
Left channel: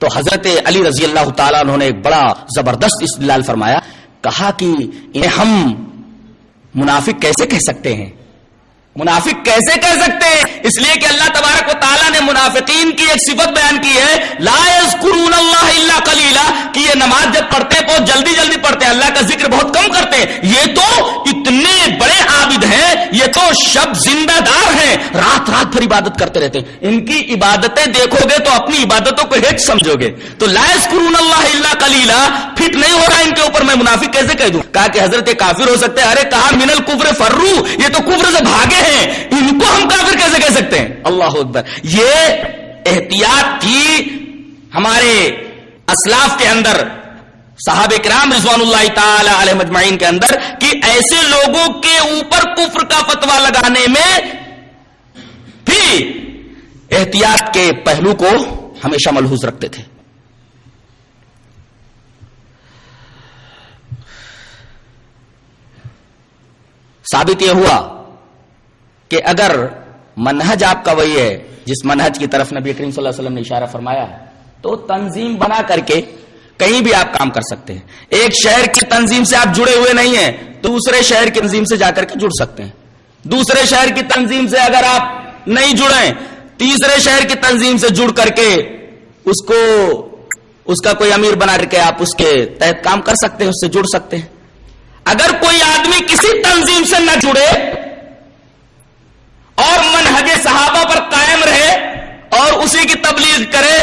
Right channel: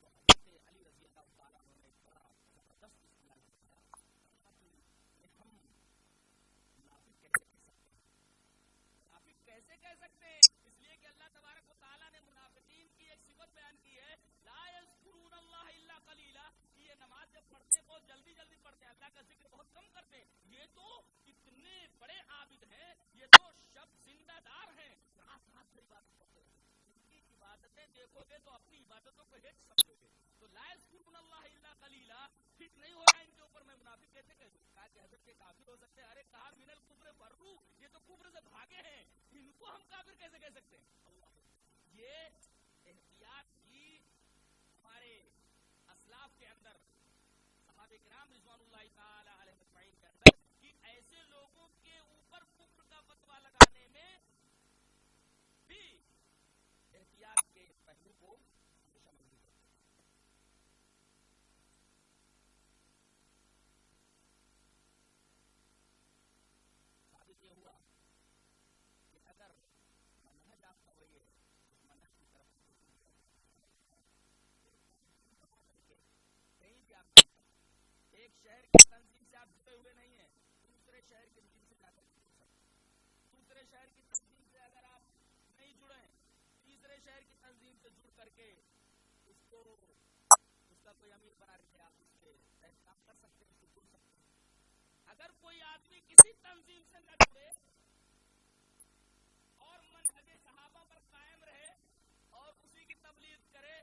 تو حضرت علی رضی اللہ تعالیٰ عنہ نے ایک بڑا زبردست استدلال فرمایا. کہا کہ انہیں ہم منافق کیسے کہہ سکتے ہیں؟ منافق کیسے کہہ سکتے ہیں؟ اس لیے کہ اللہ تبارک و تعالیٰ نے منافقین کی ایک صفت بیان کی ہے، لا یذکرون اللہ الا قلیلا، کہ یہ نماز جب پڑھتے ہیں بہت جلدی جلدی پڑھتے ہیں، اللہ کا ذکر بہت کم کرتے ہیں۔ یہ تو اتنے بڑے عابد ہیں، یہ تو شب زندہ دار ہیں، رات رات بھر عبادت کرتے رہتے ہیں۔ ان کی عبادتیں دیکھو گے تو اپنی عبادتوں کو ہیچ سمجھو گے۔ تو لا یذکرون اللہ الا قلیلا فٹ نہیں ہو رہا ان کے اوپر، میں منافق کیسے کہہ دوں؟ کہا کہ حضرت کافر ہو سکتے ہیں، ارے کہا من الکفر فرو، یہ تو کفر سے بھاگے ہیں، ان کو ہم کافر کیسے کہہ سکتے ہیں؟ اللہ اکبر۔ یہ احتیاط تھی ہمارے اسلاف کے اندر، صحابہ کرام رضوان اللہ تعالی علیہ مجمعین کے اندر، کہ ایسے لوگوں کے اوپر کفر کا فتویٰ لگانے میں بھی احتیاط کے پہلو کو ہمیشہ ملحوظ رکھتے تھے۔ ثابت یہ ہوا کہ اگر منہج آپ کا وہی ہے جس منہج کی طرف نبی کریم صلی اللہ علیہ وسلم نے اشارہ فرمایا ہے، تو تنظیم بنا کر کے کہیں بھی آپ کام کر سکتے ہیں۔ ایک شہر کی تنظیم سے آپ جڑے ہوئے نہیں ہیں، دوسرے شہر کی تنظیم سے جا کر کے جڑ سکتے ہیں۔ دوسرے شہر کی تنظیم سے اگر آپ نہیں جڑیں، تیسرے شہر کی تنظیم سے جڑ کر کے اس کا کوئی امیر بنا کر کے آپ اس کے تحت کام کر سکتے ہیں، اس سے جڑ سکتے ہیں۔ اگر کوئی آدمی کسی تنظیم سے نہ جڑے اور منہج صحابہ پر قائم رہے اور اسی کی تبلیغ کرے،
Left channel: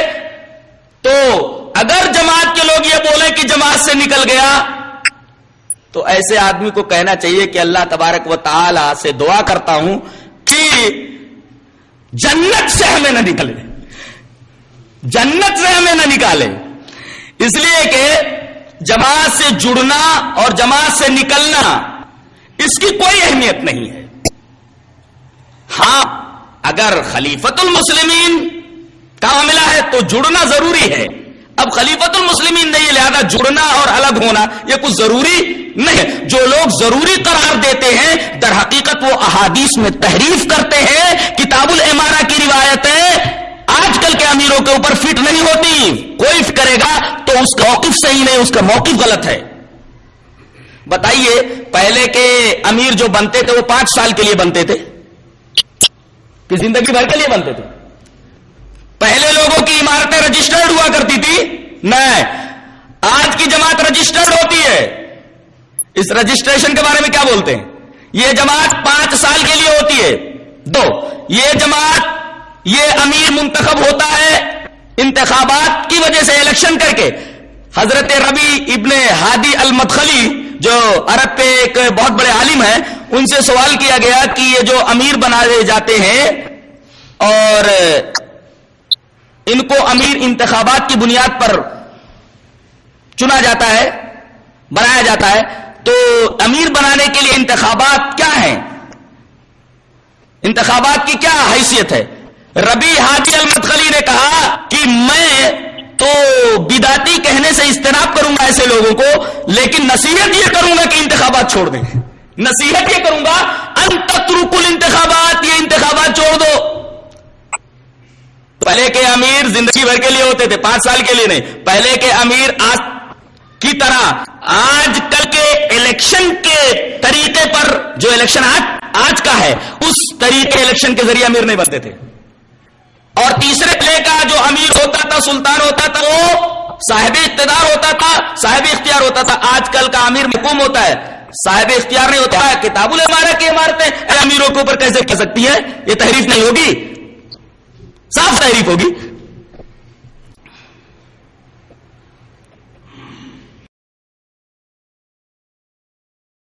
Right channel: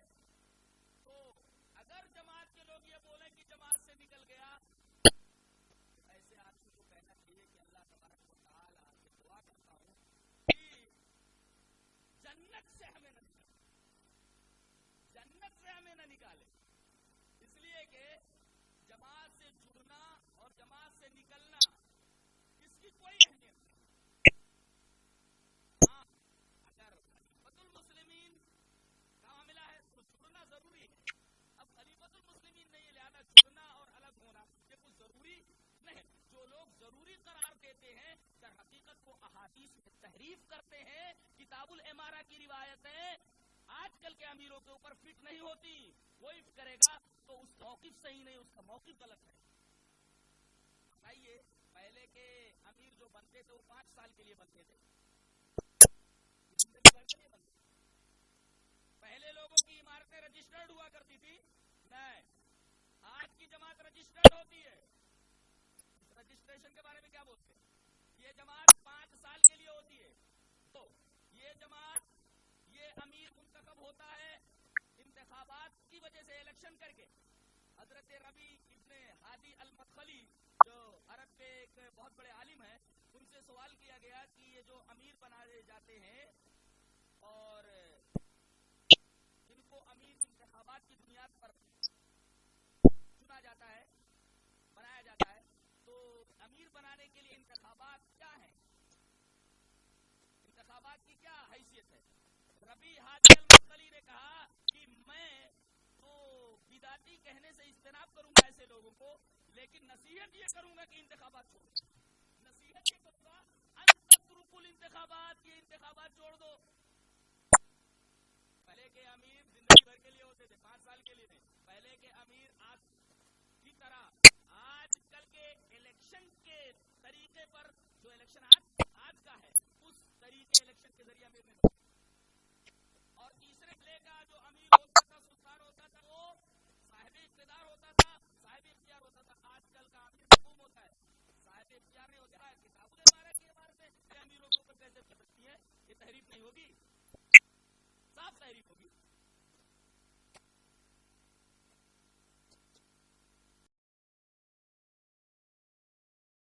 تو اگر جماعت کے لوگ یہ بولیں کہ جماعت سے نکل گیا، تو ایسے آدمی کو کہنا چاہیے کہ اللہ تبارک و تعالی سے دعا کرتا ہوں کہ جنت سے ہمیں نہ نکلے، جنت سے ہمیں نہ نکالے۔ اس لیے کہ جماعت سے جڑنا اور جماعت سے نکلنا اس کی کوئی اہمیت نہیں ہے۔ ہاں اگر خلیفۃ المسلمین کا معاملہ ہے تو جڑنا ضروری ہے۔ اب خلیفۃ المسلمین نہیں، لہذا جڑنا اور الگ ہونا یہ کچھ ضروری نہیں ہے۔ جو لوگ ضروری قرار دیتے ہیں در حقیقت وہ احادیث میں تحریف کرتے ہیں۔ کتاب الامارہ کی روایتیں آج کل کے امیروں کے اوپر فٹ نہیں ہوتی، کوئی کرے گا تو اس کا موقف صحیح نہیں، اس کا موقف غلط ہے۔ بتائیے پہلے کے امیر جو بنتے تھے وہ 5 سال کے لیے بنتے تھے کہ زندگی بھر کے لیے بنتے تھے؟ پہلے لوگوں کی عمارتیں رجسٹرڈ ہوا کرتی تھی؟ نہیں، آج کی جماعت رجسٹرڈ ہوتی ہے۔ اس رجسٹریشن کے بارے میں کیا بولتے ہیں؟ یہ جماعت 5 سال کے لیے ہوتی ہے۔ 2، یہ جماعت، یہ امیر منتخب ہوتا ہے انتخابات کی وجہ سے، الیکشن کر کے۔ حضرت ربی ابن ہادی المدخلی جو عرب پہ ایک بہت بڑے عالم ہیں، ان سے سوال کیا گیا کہ یہ جو امیر بنائے جاتے ہیں اور ان کو امیر انتخابات کی بنیاد پر چنا جاتا ہے، بنایا جاتا ہے، تو امیر بنانے کے لیے انتخابات کیا ہیں؟ انتخابات کی کیا حیثیت ہے؟ ربی ہادی المدخلی نے کہا کہ میں تو بدعتی کہنے سے اجتناب کروں گا ایسے لوگوں کو، لیکن نصیحت یہ کروں گا کہ انتخابات چھوڑ دیں۔ نصیحت یہ کروں گا ان تترکوا الانتخابات، یہ انتخابات چھوڑ دو۔ پہلے کے امیر زندگی بھر کے لیے ہوتے تھے، 5 سال کے لیے نہیں۔ پہلے کے امیر آج کی طرح آج کل کے الیکشن کے طریقے پر، جو الیکشن آج کا ہے اس طریقے الیکشن کے ذریعے امیر نہیں بنتے تھے۔ اور تیسرے پہلے کا جو امیر ہوتا تھا، سلطان ہوتا تھا، وہ صاحب اقتدار ہوتا تھا، صاحب اختیار ہوتا تھا۔ آج کل کا امیر محکوم ہوتا ہے، صاحب اختیار نہیں ہوتا ہے۔ کتاب الامارہ کی عمارتیں امیروں کے اوپر کیسے کہہ سکتی ہے؟ یہ تحریف نہیں ہوگی؟ صاف تحریف ہوگی۔